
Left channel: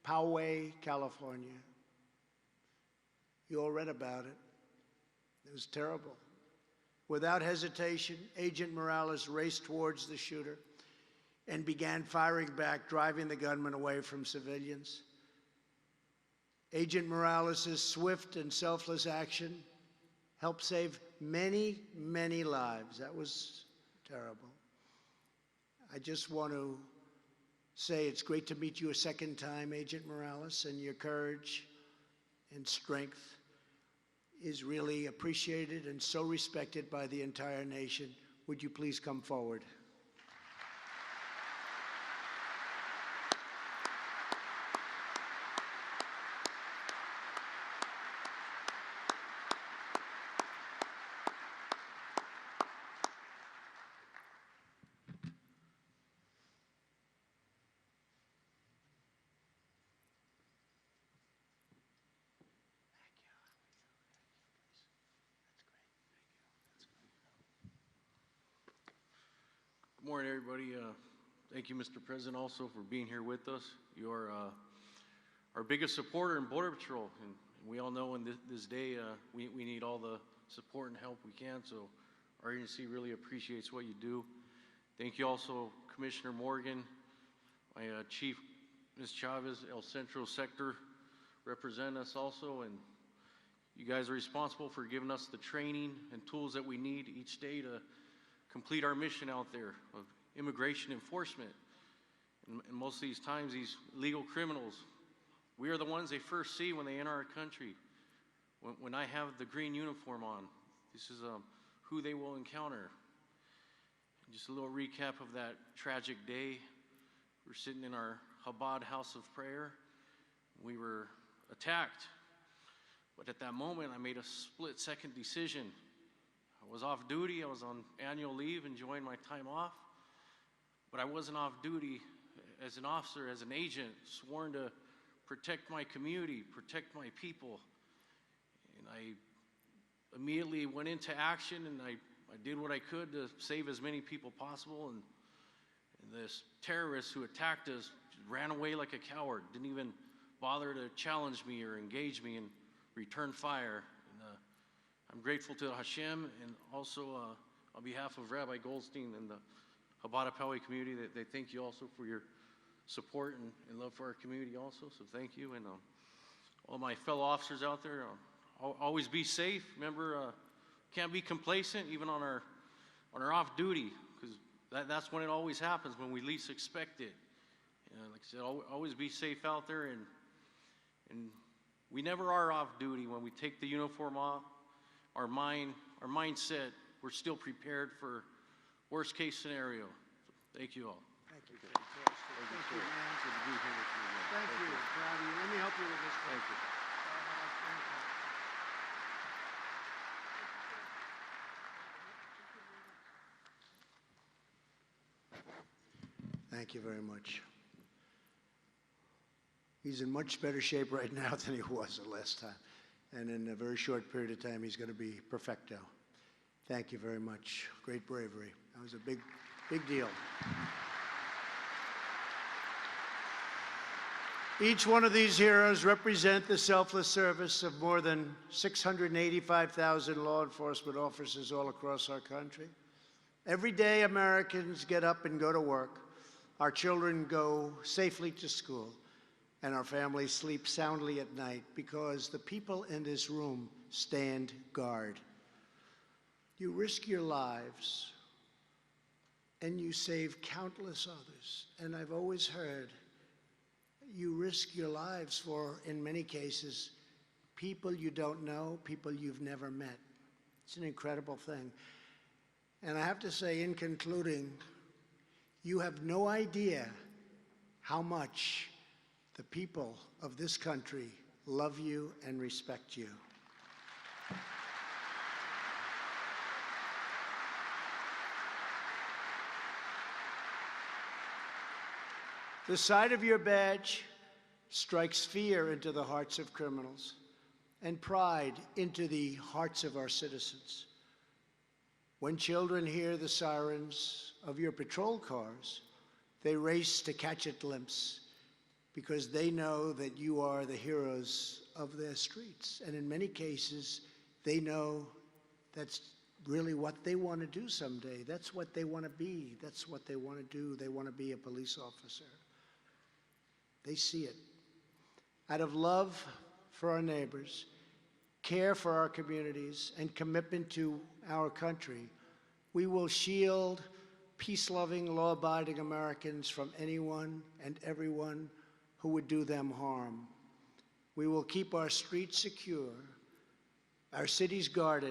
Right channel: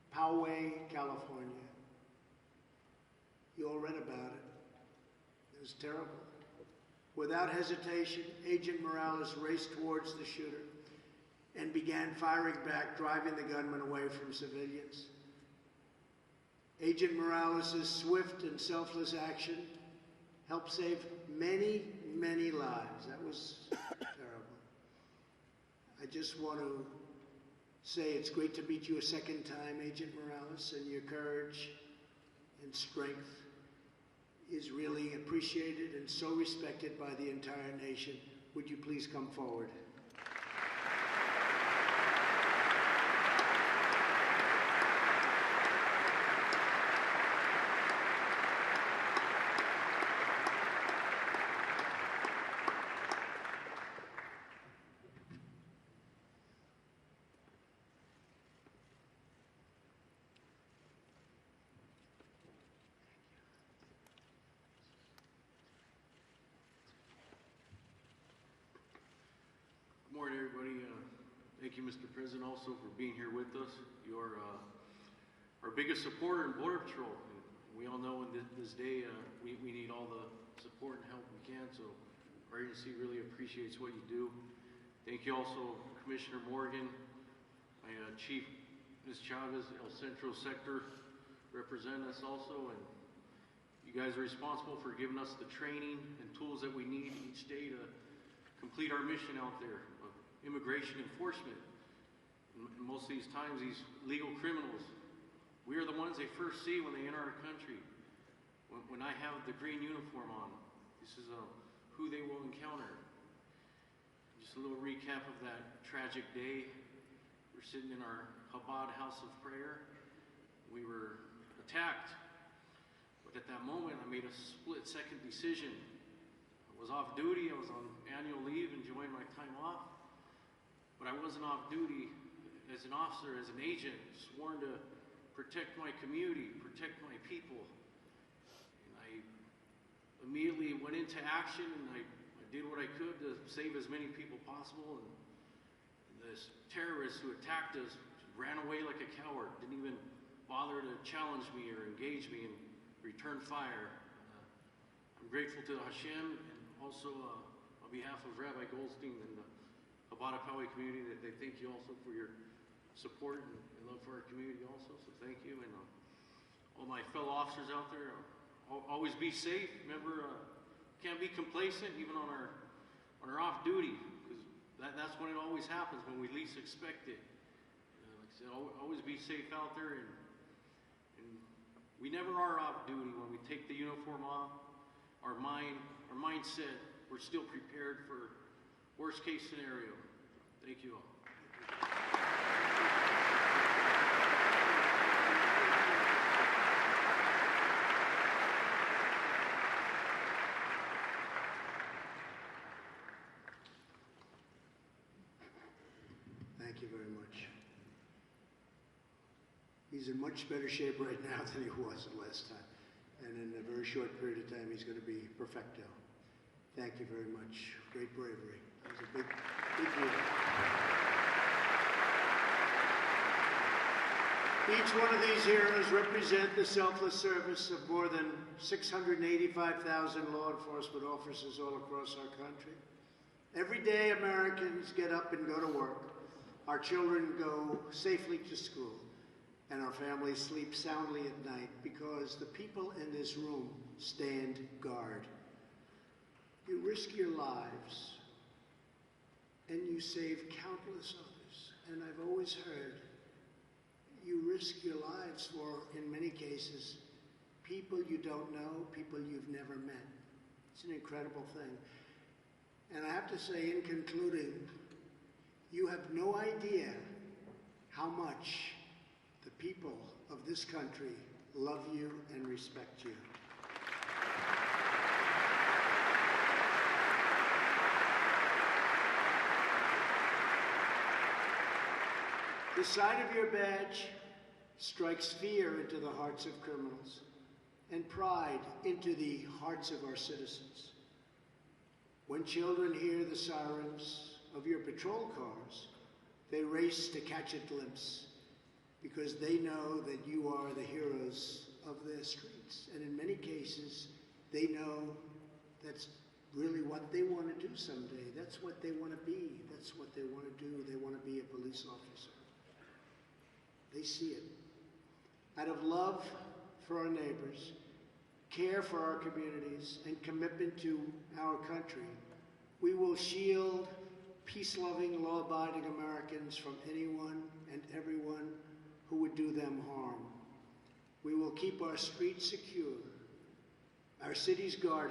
Poway, California. You all read about it. It was terrible. Without hesitation, Agent Morales raced towards the shooter and began firing back, driving the gunman away from civilians. Agent Morales' swift and selfless action helped save many, many lives. That was terrible. I just want to say it's great to meet you a second time, Agent Morales, and your courage and strength is really appreciated and so respected by the entire nation. Would you please come forward? Good morning, everybody. Thank you, Mr. President, also for being here with us. You are our biggest supporter in Border Patrol. And we all know in this day we need all the support and help we can, so our agency really appreciates what you do. Thank you also, Commissioner Morgan, my Chief, Ms. Chavez, El Centro Sector, representing us also, and you guys are responsible for giving us the training and tools that we need each day to complete our mission out there of immigration enforcement. And most of these times, these legal criminals, we are the ones they first see when they enter our country. When I have the green uniform on, this is who they will encounter. Just a little recap of that tragic day. We're sitting in our Chabad house of prayer. We were attacked. But at that moment, I made a split-second decision. I was off duty, I was on annual leave, enjoying my time off, but I wasn't off duty as an officer, as an agent, sworn to protect my community, protect my people. And I immediately went into action, and I did what I could to save as many people possible, and this terrorist who attacked us ran away like a coward, didn't even bother to challenge me or engage me and return fire. I'm grateful to Hashem and also on behalf of Rabbi Goldstein and the Chabad Poway community that they thank you also for your support and love for our community also. So thank you, and all my fellow officers out there, always be safe. Remember, can't be complacent even on our off duty, because that's when it always happens, when we least expect it. Like I said, always be safe out there, and we never are off duty. When we take the uniform off, our mindset, we're still prepared for worst case scenario. Thank you all. He's in much better shape right now than he was the last time. And in a very short period of time, he's going to be perfecto. Thank you very much. Great bravery. That was a big, big deal. Each one of these heroes represent the selfless service of more than 685,000 law enforcement officers all across our country. Every day, Americans get up and go to work. Our children go safely to school, and our families sleep soundly at night because the people in this room stand guard. You risk your lives, and you save countless others. And I've always heard you risk your lives for, in many cases, people you don't know, people you've never met. It's an incredible thing. And I have to say, in concluding, you have no idea how much the people of this country love you and respect you. The sight of your badge strikes fear into the hearts of criminals and pride into the hearts of our citizens. When children hear the sirens of your patrol cars, they race to catch a glimpse because they know that you are the heroes of their streets. And in many cases, they know that's really what they want to do someday. That's what they want to be. That's what they want to do. They want to be a police officer. They see it. Out of love for our neighbors, care for our communities, and commitment to our country, we will shield peace-loving, law-abiding Americans from anyone and everyone who would do them harm. We will keep our streets secure, our cities guarded,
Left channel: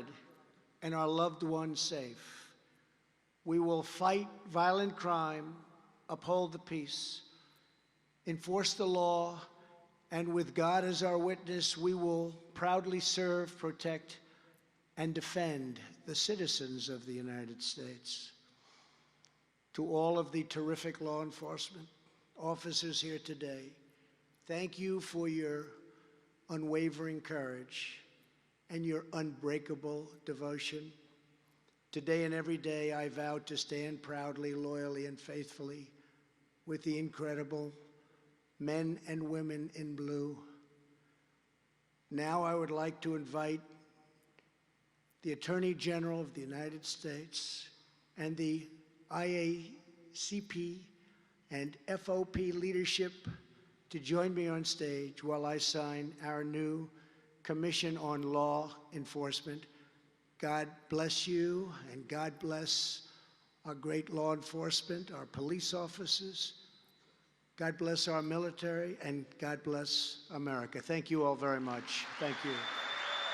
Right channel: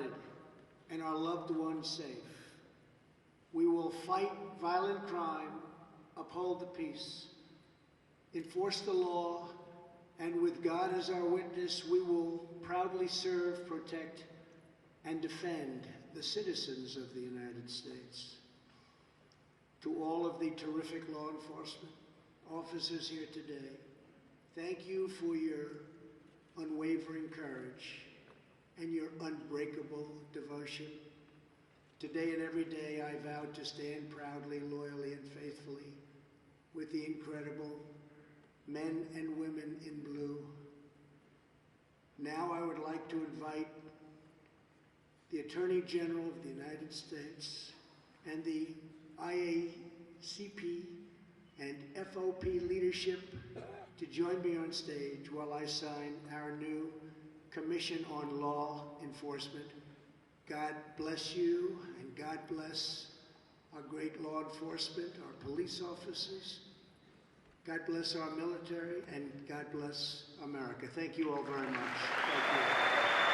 and our loved ones safe. We will fight violent crime, uphold the peace, enforce the law, and with God as our witness, we will proudly serve, protect, and defend the citizens of the United States. To all of the terrific law enforcement officers here today, thank you for your unwavering courage and your unbreakable devotion. Today and every day, I vow to stand proudly, loyally, and faithfully with the incredible men and women in blue. Now I would like to invite the Attorney General of the United States and the IACP and FOP leadership to join me on stage while I sign our new Commission on Law Enforcement. God bless you, and God bless our great law enforcement, our police officers. God bless our military, and God bless America. Thank you all very much. Thank you.